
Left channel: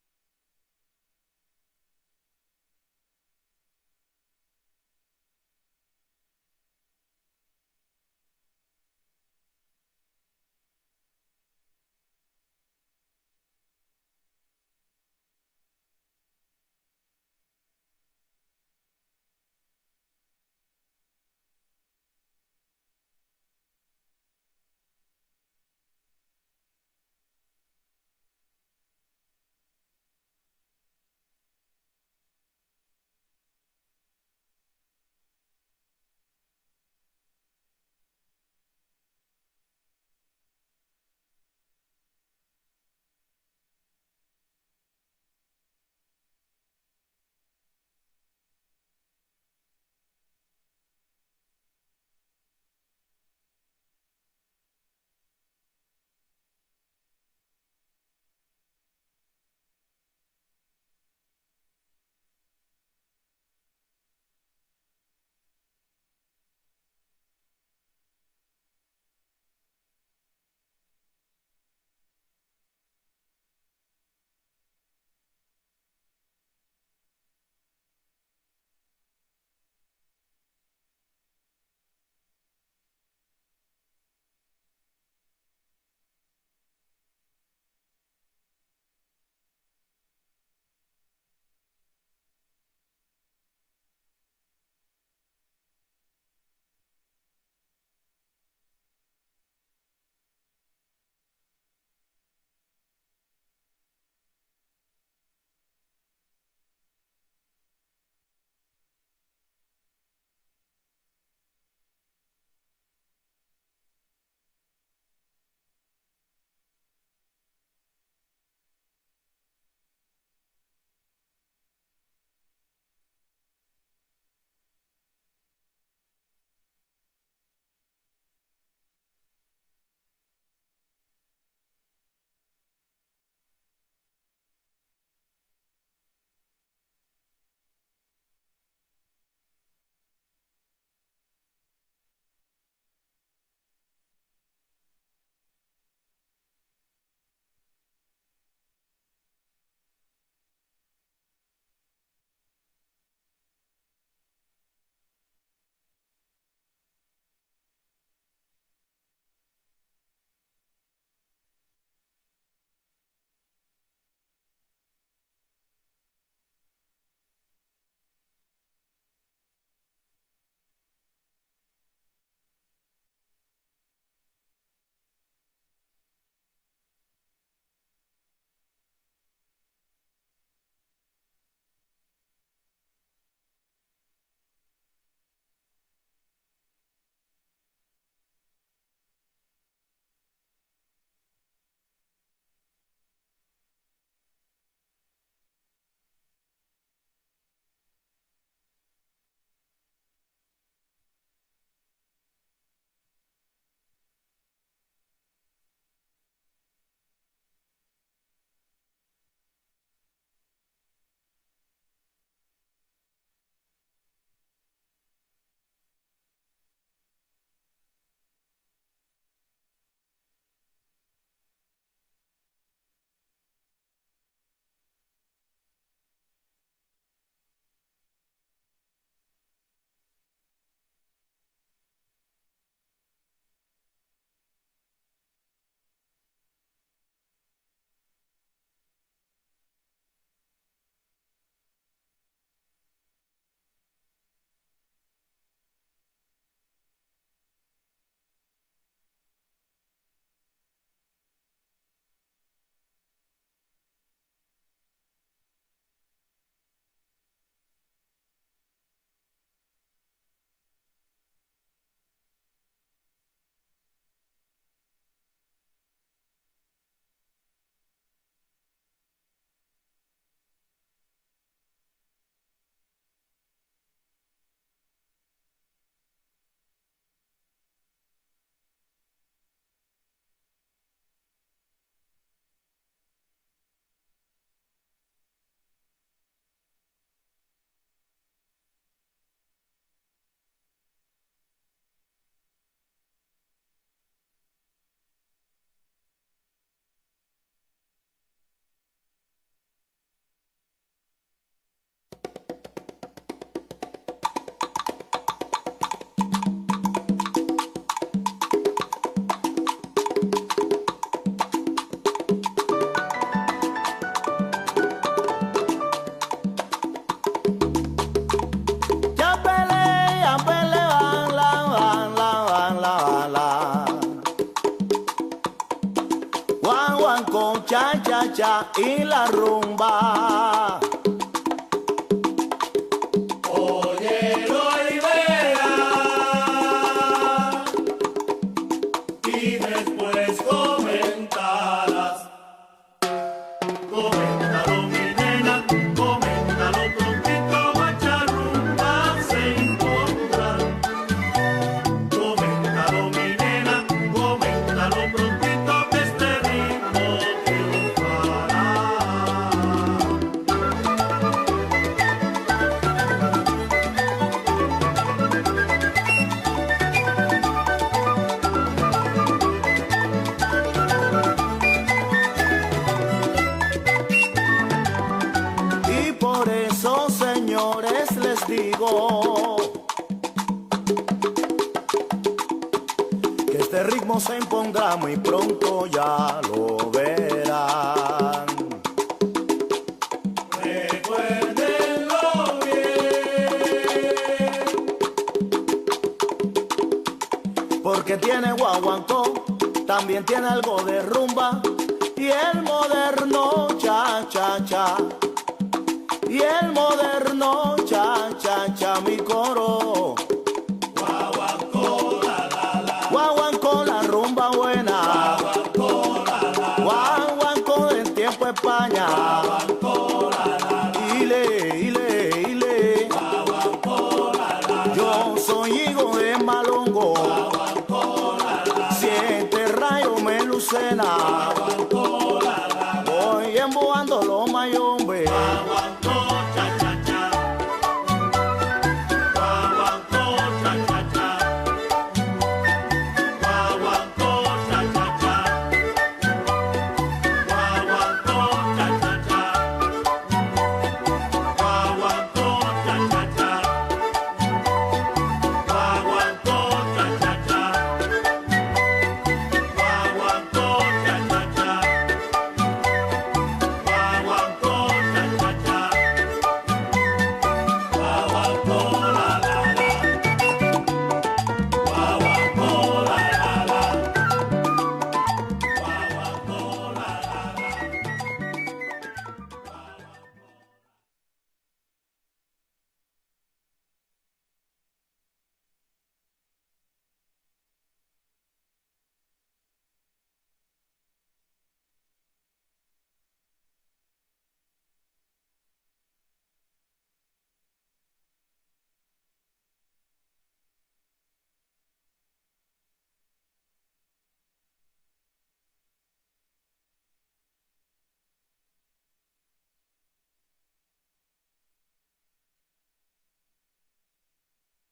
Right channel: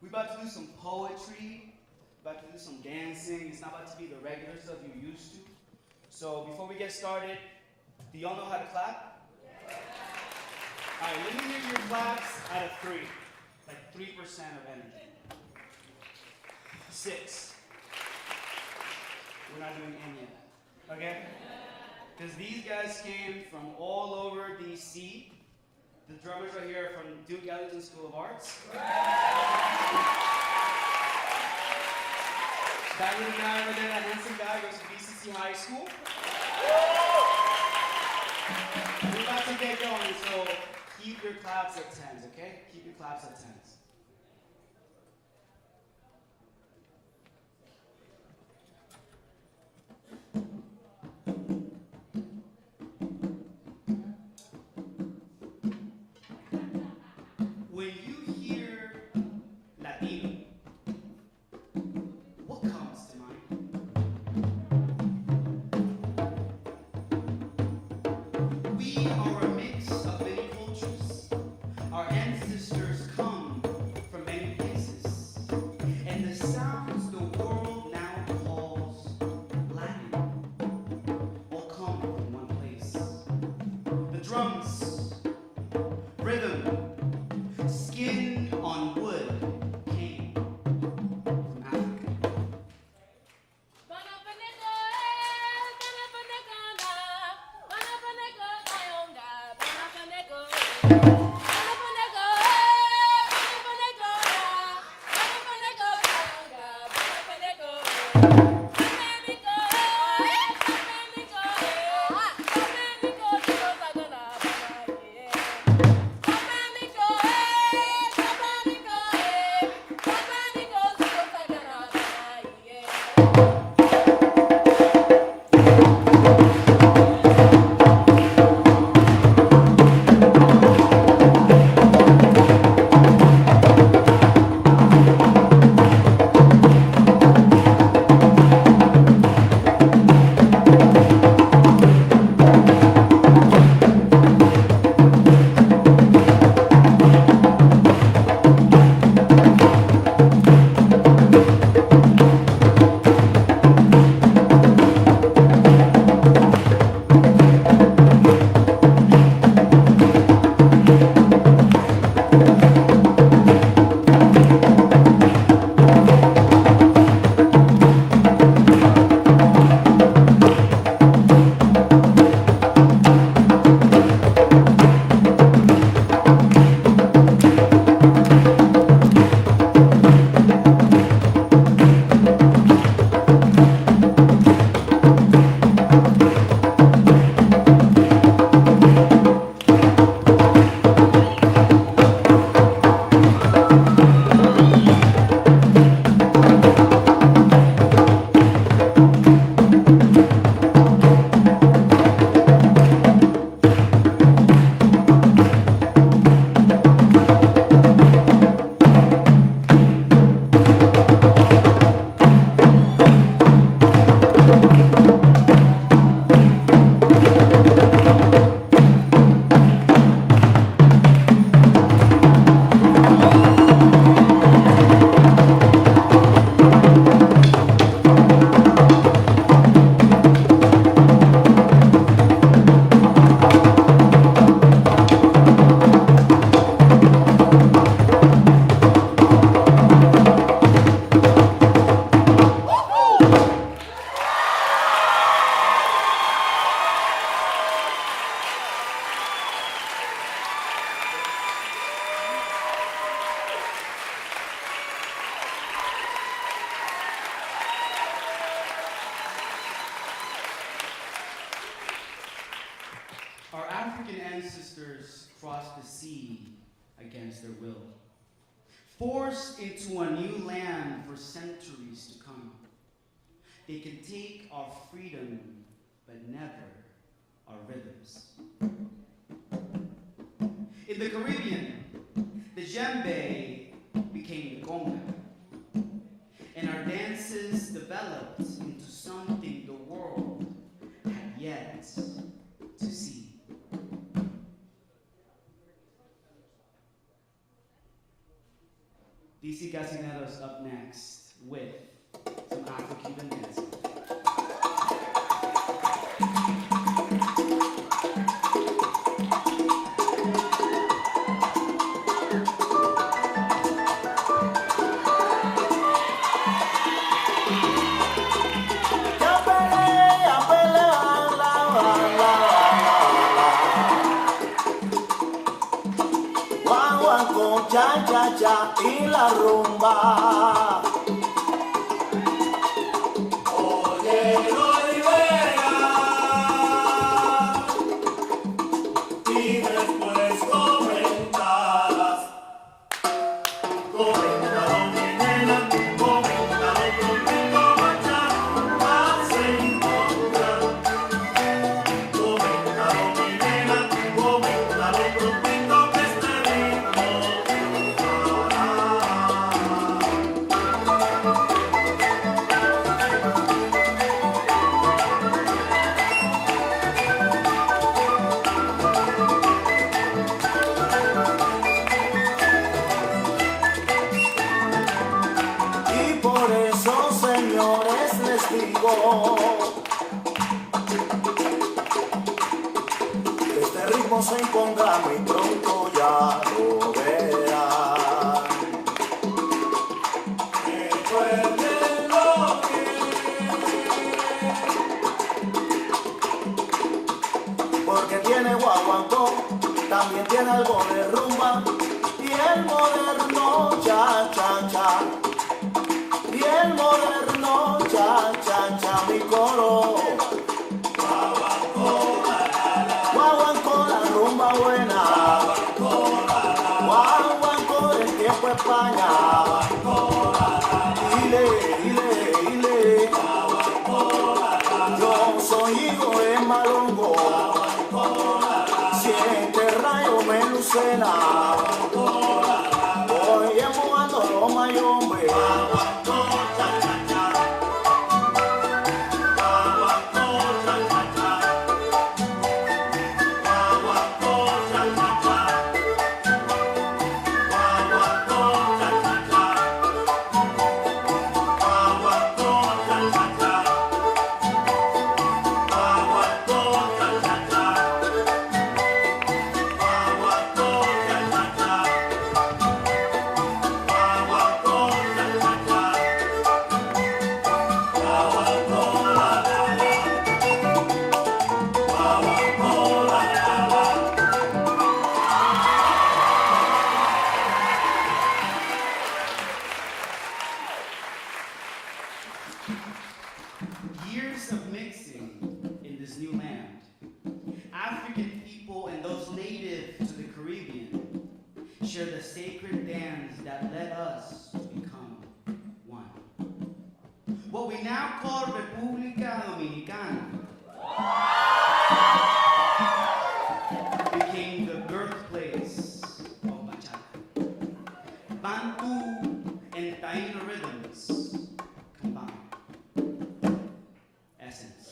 We about to do some poetry, about to do some dancing. It's not about to be the regular stuff you're used to. So before we get started, do y'all know how to clap? Alright, let me hear your claps out of 3. Like 3% of energy. 6. We're not doing any of that. Okay? Because these guys came from all over DC. The drummers right here are from Duke Ellington School of Arts. That little guy over there, that handsome guy, goes to DCPS High School. We're about to get going, so keep your claps at 10s, okay? Keep your claps at 10s. When you hear Latino, what comes to mind? We are a mix of many cultures. Our ancestors come from many places. And the sounds the world now calls Latin all come from one place. The drums, rhythm, skin on wood came from Africa. African ancestors crossed the sea against their will, forced into a new land for centuries to come. They can take our freedom, but never our rhythms. In the Caribbean, the djembe became the conga, and our dances developed into something the world had yet to see. DC Casineros up next with some African bananas. Cha cha cha y la rumba. Oye, Olivera, y después comentas. Coméntalo, mi nena, coméntalo, prontito, bacharumba se encontrar. Coméntalo, mi nena, coméntalo, prontito, que este ritmo. Y por eso, señores, les digo que este ritmo se impondrá muy pronto, ya lo verán. Recuérdenlo bien, porque tiene guaguancó, también tiene algo de rumba y el moderno cha cha cha. Y el moderno cha cha cha, mi coro. Guaguancó la rumba buena. Guaguancó el tiempo España. Ile. Yo soy hijo de Malongo. Siete rayos me lucena. Voy emboando los mayombe. Years of mixing in this new land. African people and those native to the Caribbean share the sacred dance that led us to become one. What we now call República Dominicana became the birthplace of bachata. Bantu and Taíno rhythms combined. Essence.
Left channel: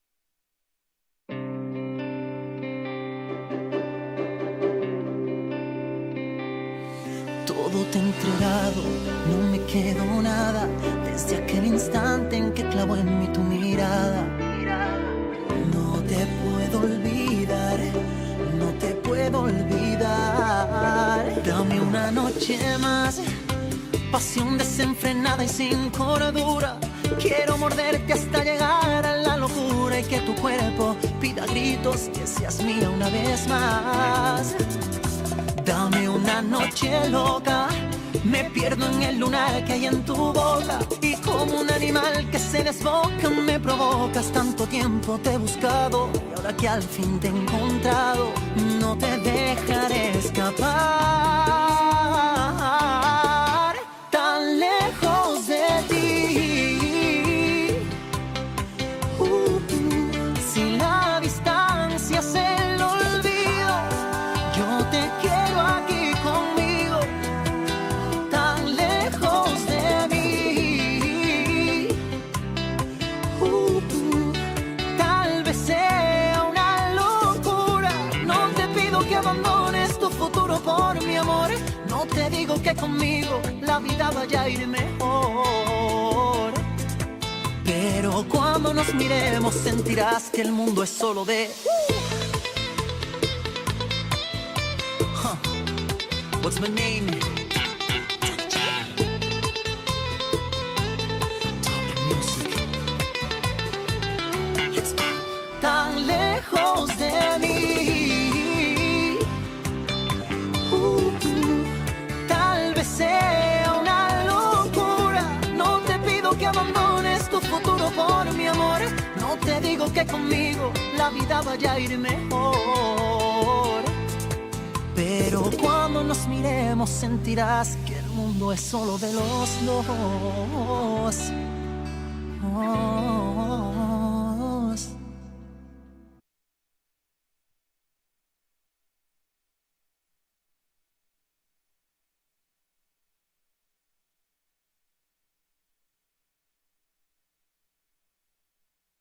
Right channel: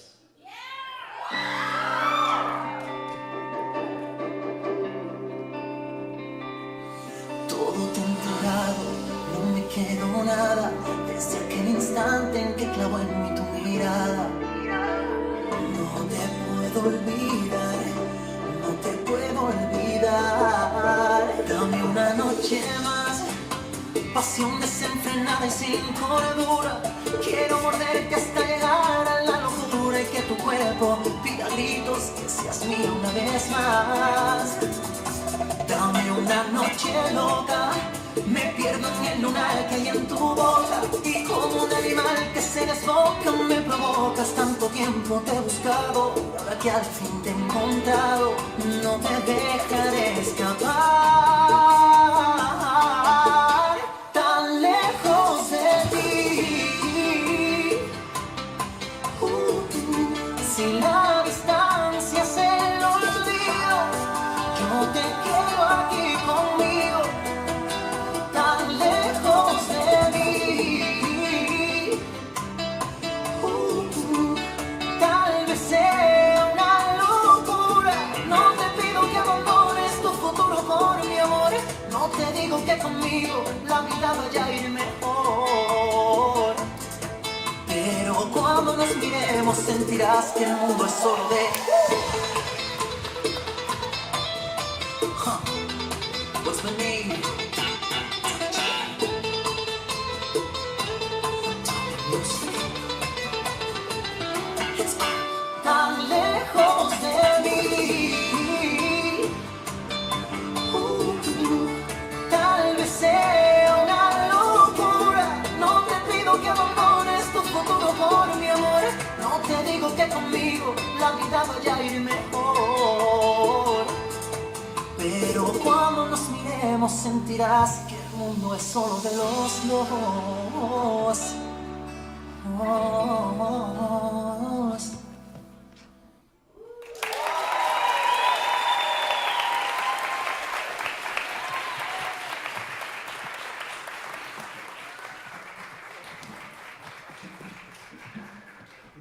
Todo te he entregado, no me quiero nada. Desde aquel instante en que clavó en mí tu mirada. No te puedo olvidar, no te puedo olvidar. Dame una noche más, pasión desenfrenada y sin cordura. Quiero morderte hasta llegar a la locura y que tu cuerpo pida gritos que seas mía una vez más. Dame una noche loca, me pierdo en el lunar que hay en tu boca. Y como un animal que se desboca me provocas. Tanto tiempo te he buscado y ahora que al fin te he encontrado, no que conmigo la vida vaya a ir mejor. Pero cuando nos miremos sentirás que el mundo es solo de... What's my name? Tan lejos de mí, tal vez sea una locura. No te pido que abandones tu futuro por mi amor. No te digo que conmigo la vida vaya a ir mejor. Pero cuando nos miremos sentirás que el mundo es solo de los dos.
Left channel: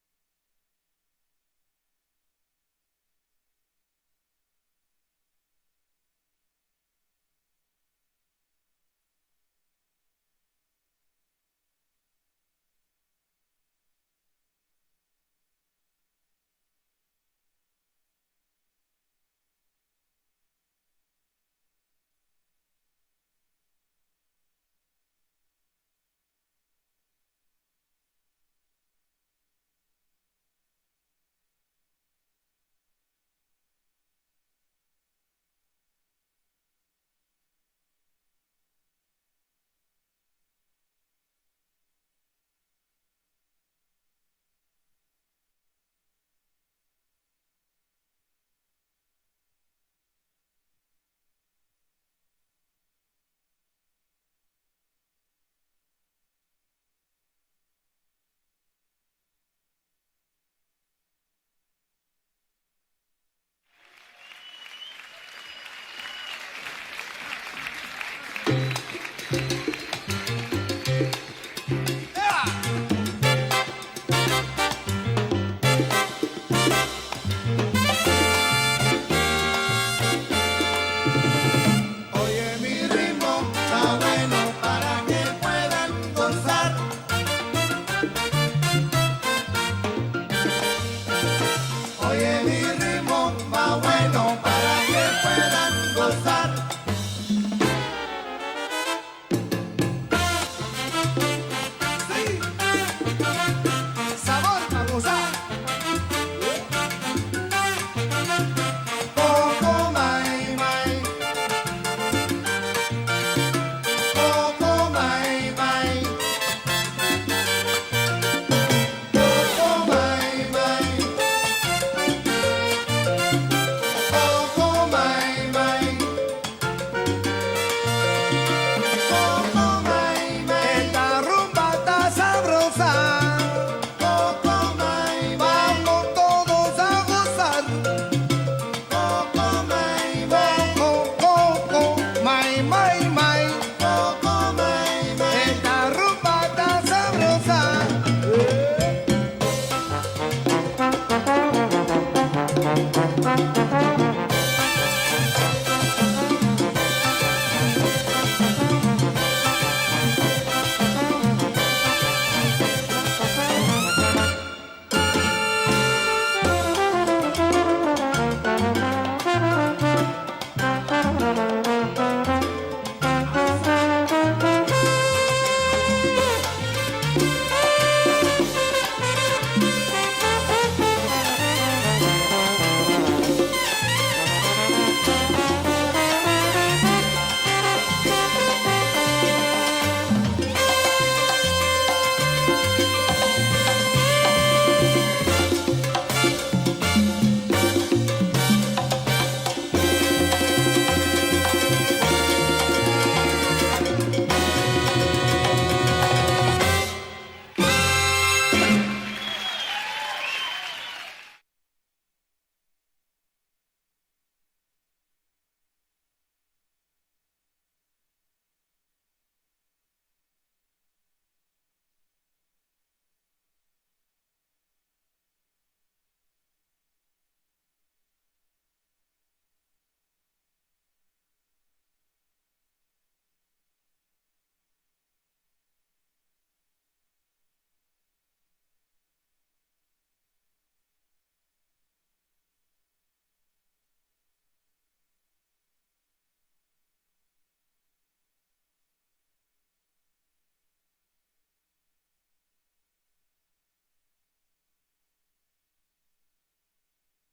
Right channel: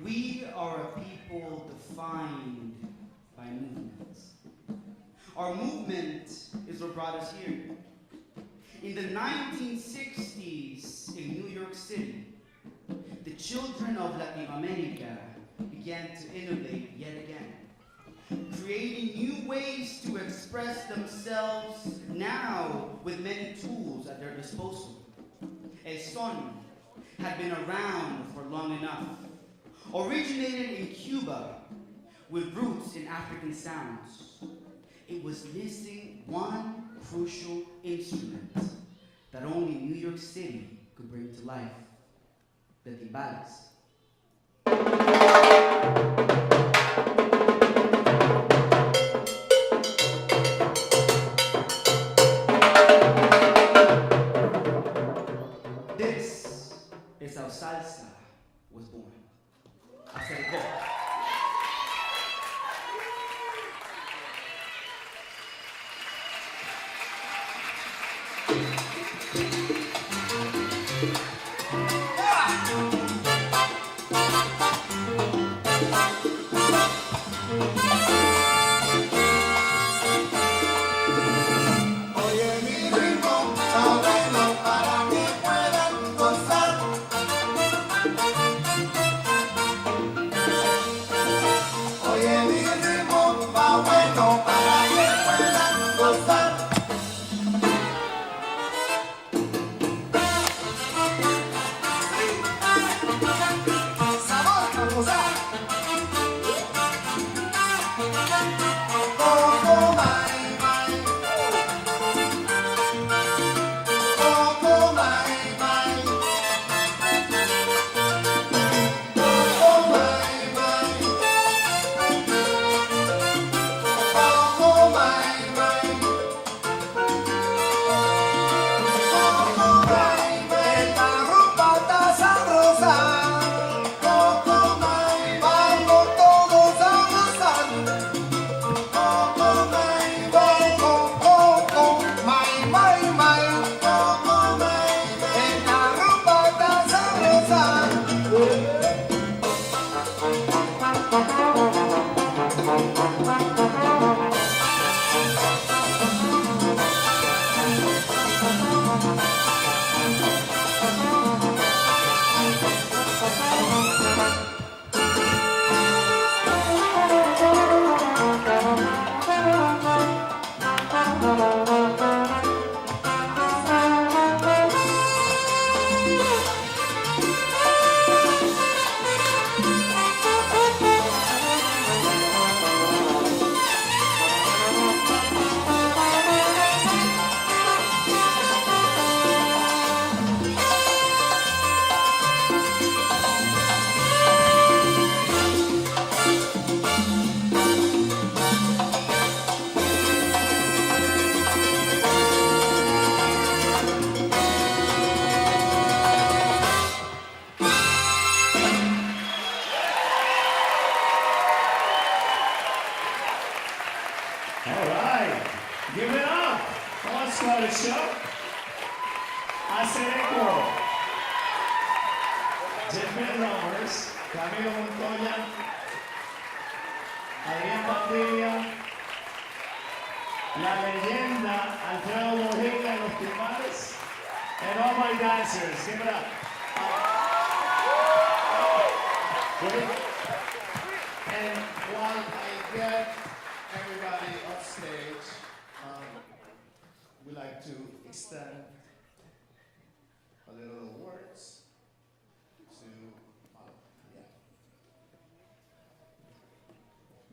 We are a people defined by movements. Our movement is what brought us here. In the 1960s in New York City, the children of Latin America began to innovate yet again, creating new ways to express themselves now with many tools at their disposal. El son had been around for long enough. Originated in Cuba with roots in African sounds, it was missing one crucial instrument that only New York City could bring to life: the timbales. This is how salsa was born. I said go. Oye mi ritmo, está bueno para que puedan gozar. Oye mi ritmo, está bueno para que puedan gozar. Sabor a gozar. Coco mai mai. Coco mai mai. Coco mai mai. Coco mai mai. Coco mai mai. Esta rumba está sabrosa. Coco mai, vamos todos a gozar. Coco mai mai. Coco mai mai mai. Coco mai mai. Esta rumba está sabrosa. All right, give it up. On Scottish Show. Seneca, Jeffrey Roberts, Camilo Montoya, Adrián Bandilla, la leyenda Alfredo Mojica en los timbales, and all my dancers. Give it up. And while I get everybody up stage, we like to extend a little words to, yeah.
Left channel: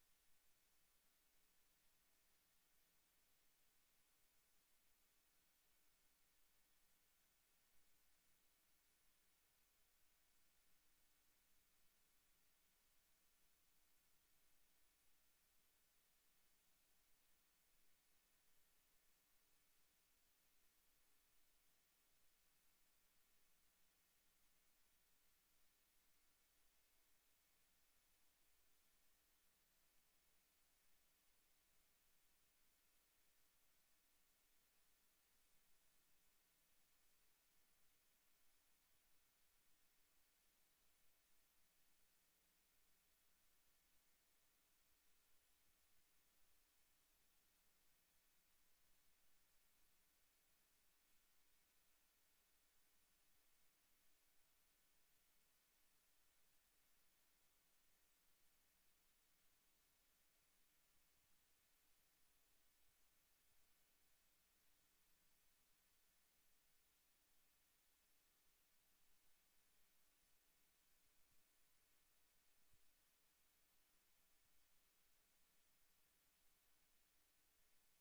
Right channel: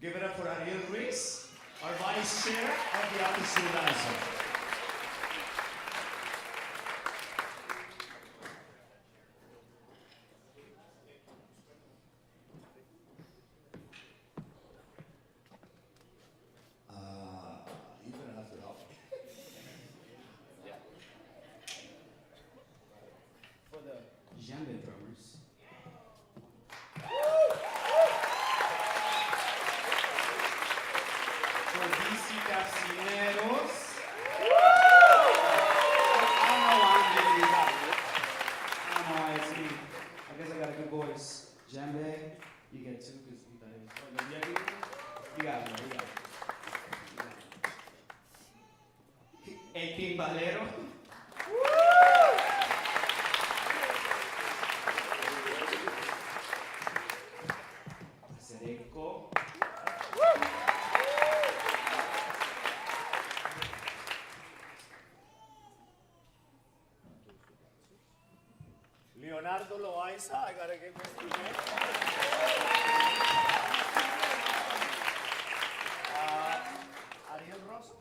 Give it up for Ariel Ruiz, our vice chair of the After School Dance Fund. You're gonna have to help me. For the djembe drummers. For DC Casineros. I don't know why I'm giving you that. I don't know why it's me. I guess I got a good voice. Djembe, you get two because you thought it was. Oh, no, you got it, you got it. El timbalero. Seneca. Leonardo Loaiza, I gotta give this to him. Ariel Rosso.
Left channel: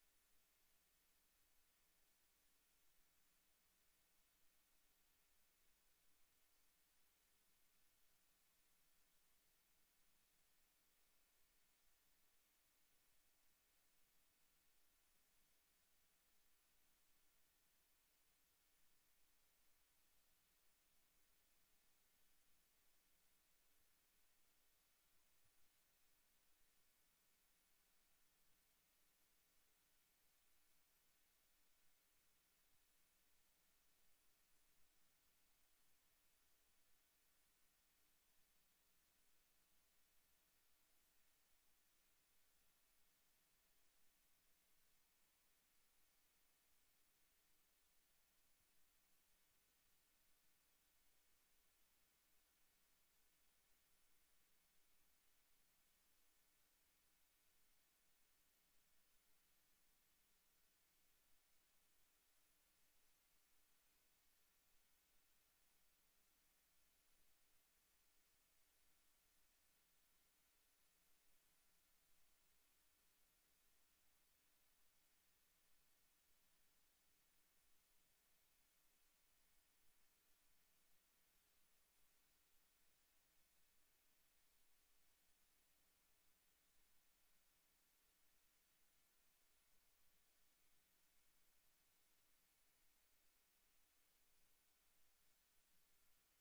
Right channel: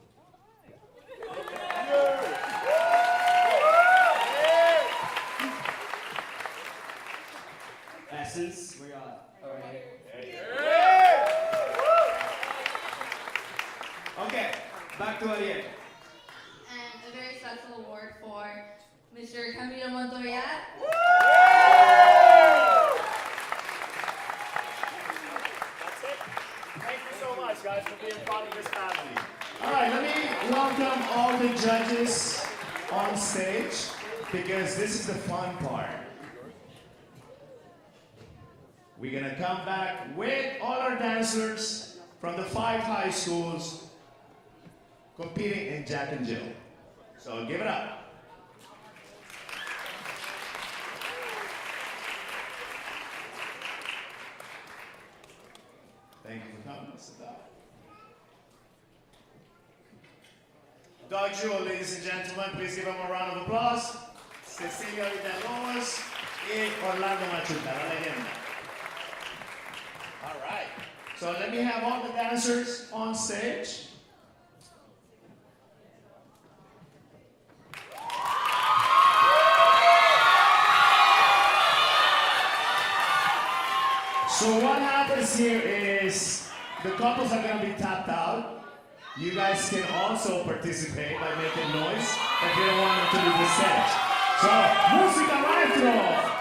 Essence, where y'all at? All right here. Okay, back to Ariel. And a very special award for Mr. Camilo Montoya. Thank you so much, guys, for being part of this family. All right, let me welcome all the judges on stage because this is the fun part. We're gonna come back with all our dancers from the 5 high schools competing in Jack and Jill. So give it up. Thank you for coming. Sit down. Doug Jewell, ladies and gentlemen, please give him a round of applause. Cecilia Villalobos y Orlando Machuca, la leyenda. All right. So let me have all the dancers on stage. So what happens here is the couples are going to be tapped out. You guys can also participate by making noise if you don't want them to leave the stage. So, música maestro.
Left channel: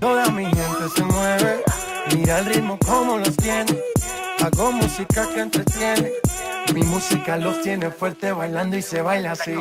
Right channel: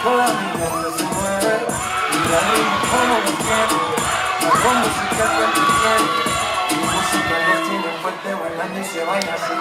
Toda mi mente se mueve y me animo como los quiero. Hago música que tú quieres. Mi música los tiene fuerte bailando y se baila así.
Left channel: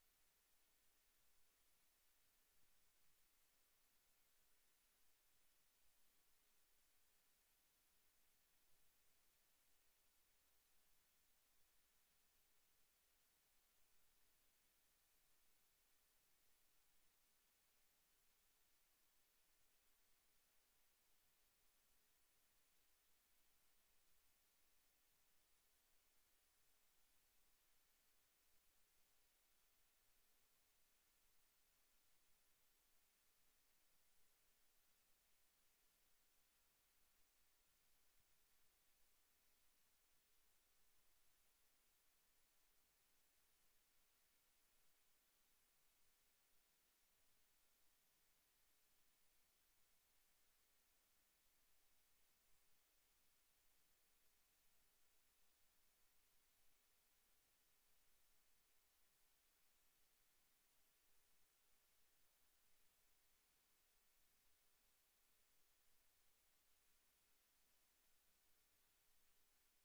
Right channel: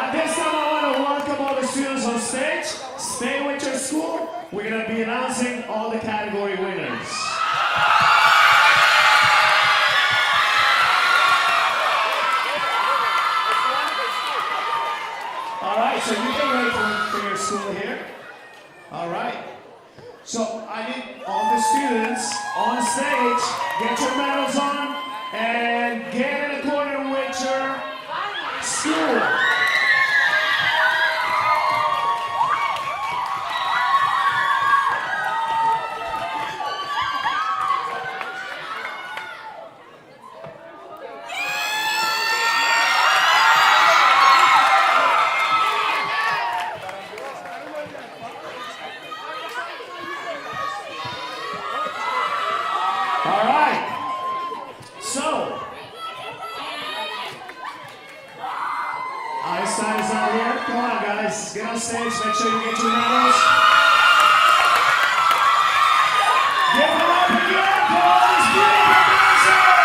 At this time, I want to welcome all the students on stage. Stay with your school. We're going to be announcing all the category winners. All right, so you get ready for your school here. All right. So I need all the students on stage, get your medals on, and get in accordance with your school. All right. So, Einstein is out here. Come on, guys. Get on stage. Make sure you get your medals. Give it up again for all these beautiful dancers.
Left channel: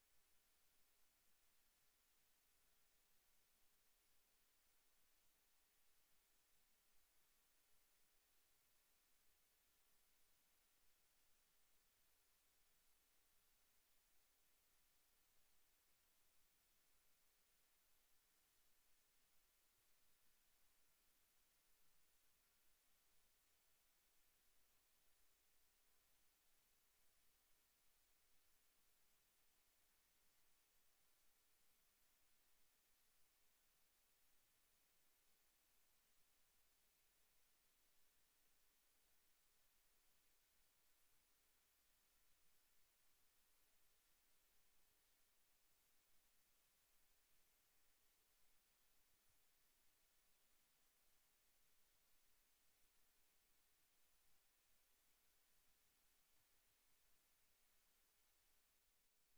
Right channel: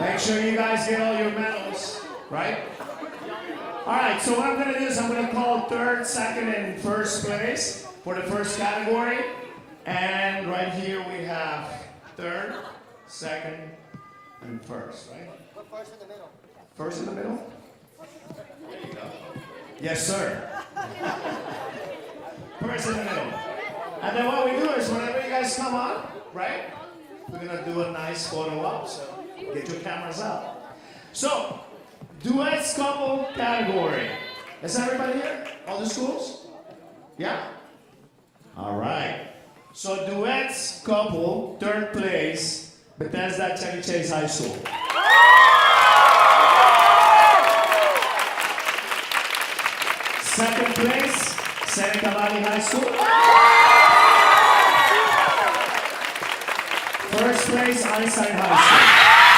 Make sure you guys get all your medals, right? All right, so what I'm gonna do is I'm gonna call third, second, and first place for the first category. And right here we have third, second, and first, right? First in the middle. First in the middle? There you go. Yes, sir. First in the middle. And then what we do is whenever you guys come on, right? We're gonna do a nice photo op, so get your cameras out. So, Duets couple category. Is everybody here? All the schools? Yeah? All right. So Duets couple, third place, Bethesda Chevy Chase High School. Second place, Seneca Valley High School. First place, Einstein High School.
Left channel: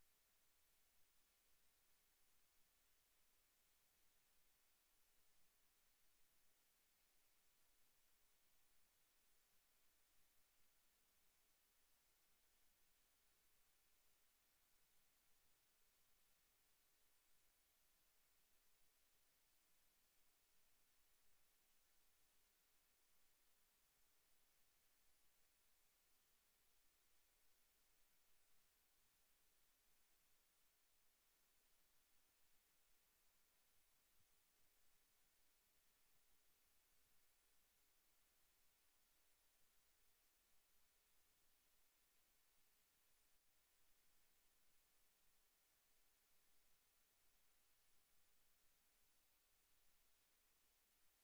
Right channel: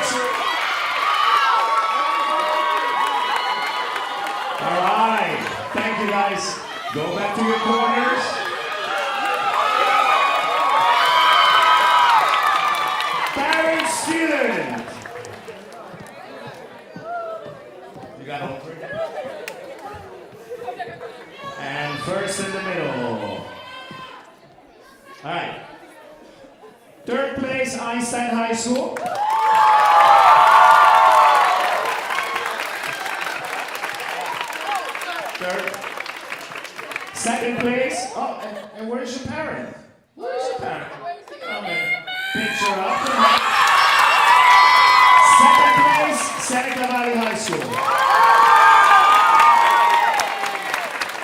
picture. All right. Thank you, guys. Go back to your corners. Parent student. You got over it? And first in the middle. All right. Third place, Einstein High School. Third. Second place. Oh, and where's your parent? Where's your parent? Come in. Picture up. Second place, Seneca Valley High School.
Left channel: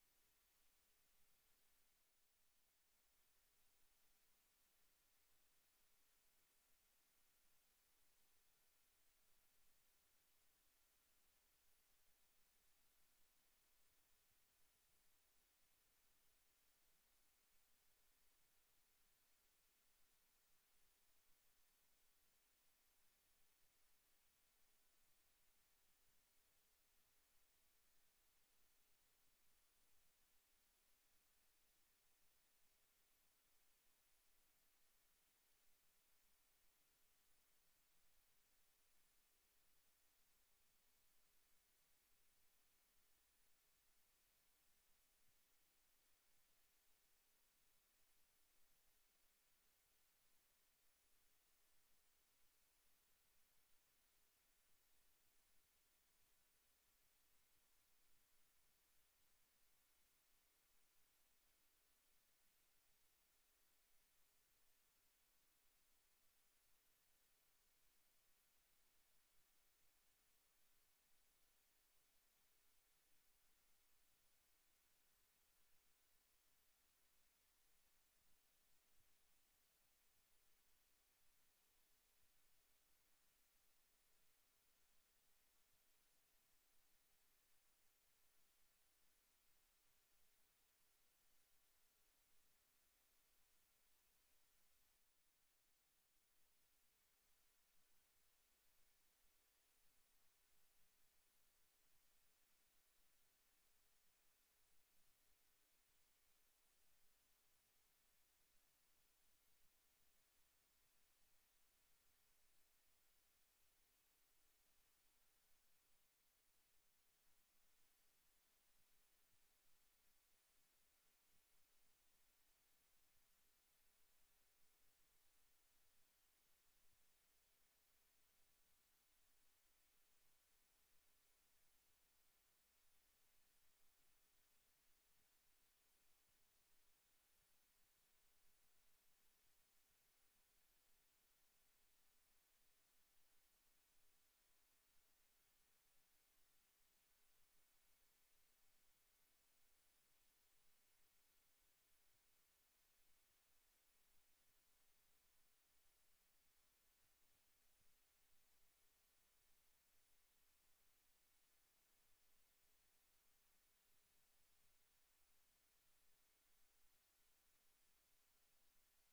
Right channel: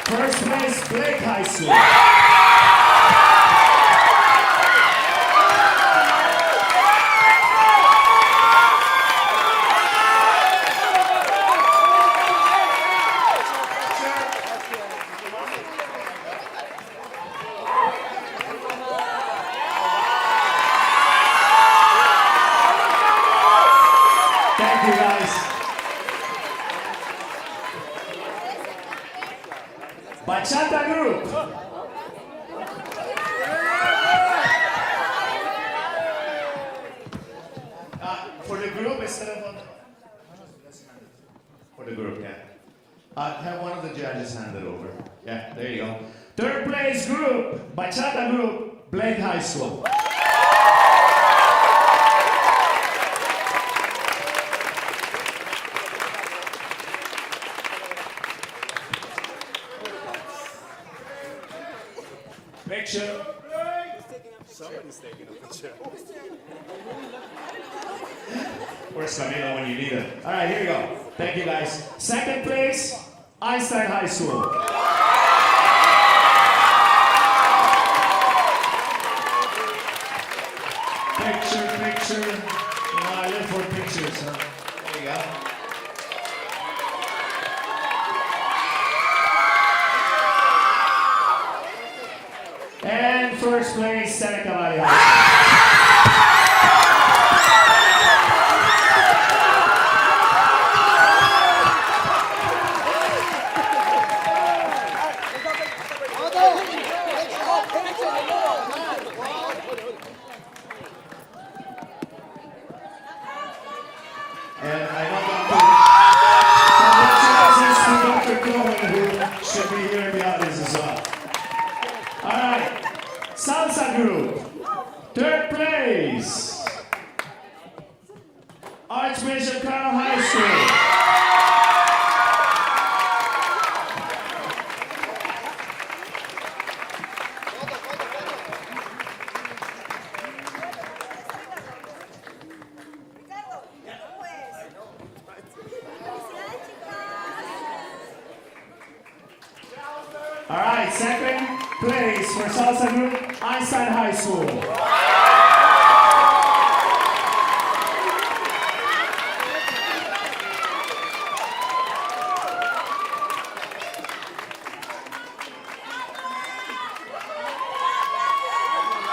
First place, Blake High School. Thank you, guys. Bachata Group. For the group, instead of for the group, yeah. Have one of the judges hand it over. Yeah, there you go. Third place group, Bachata Group, Blake High School. Picture. Somebody's taking a picture. Where's Camila when you need her? All right, here we go. Thank you, guys. Second place, Einstein High School. Picture. You know, I live for pictures, huh? There you go. And first place, Seneca Valley High School. And I know congratulations to Dr. Cohen, who should be here in the audience as well. All right, Salsa Group, third place, Archbishop Carroll High School. All right, second place for Salsa Group, Einstein High School.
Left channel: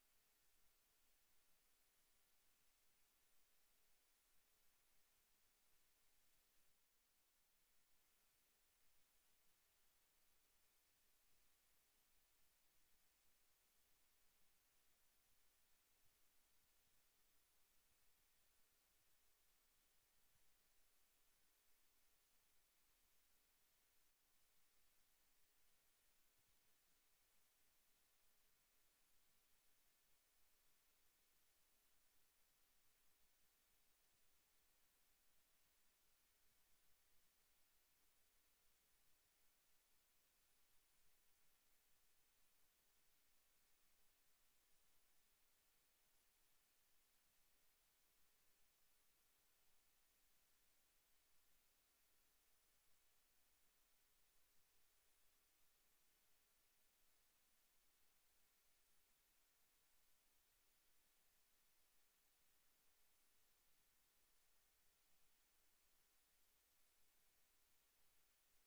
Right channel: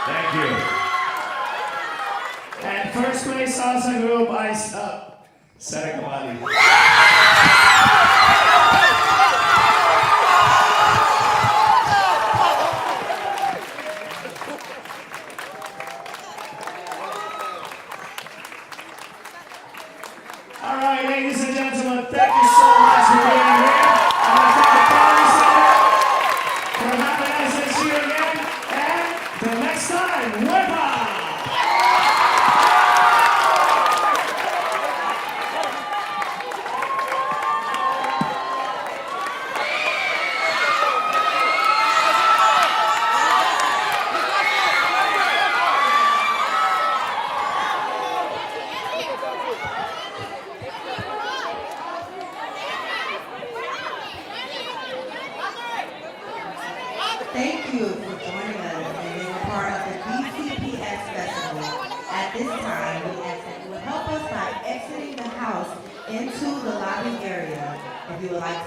Thank you. And first place Salsa Group, Seneca Valley. All right, ladies and gentlemen, thank you so much for being here. I want to thank the County Center for having us this year again. And the next time, Wepa! Thank you for joining us and being a part of the DCPS Festival. At this time, we ask that you would help us by exiting the house into the lobby area. If you would like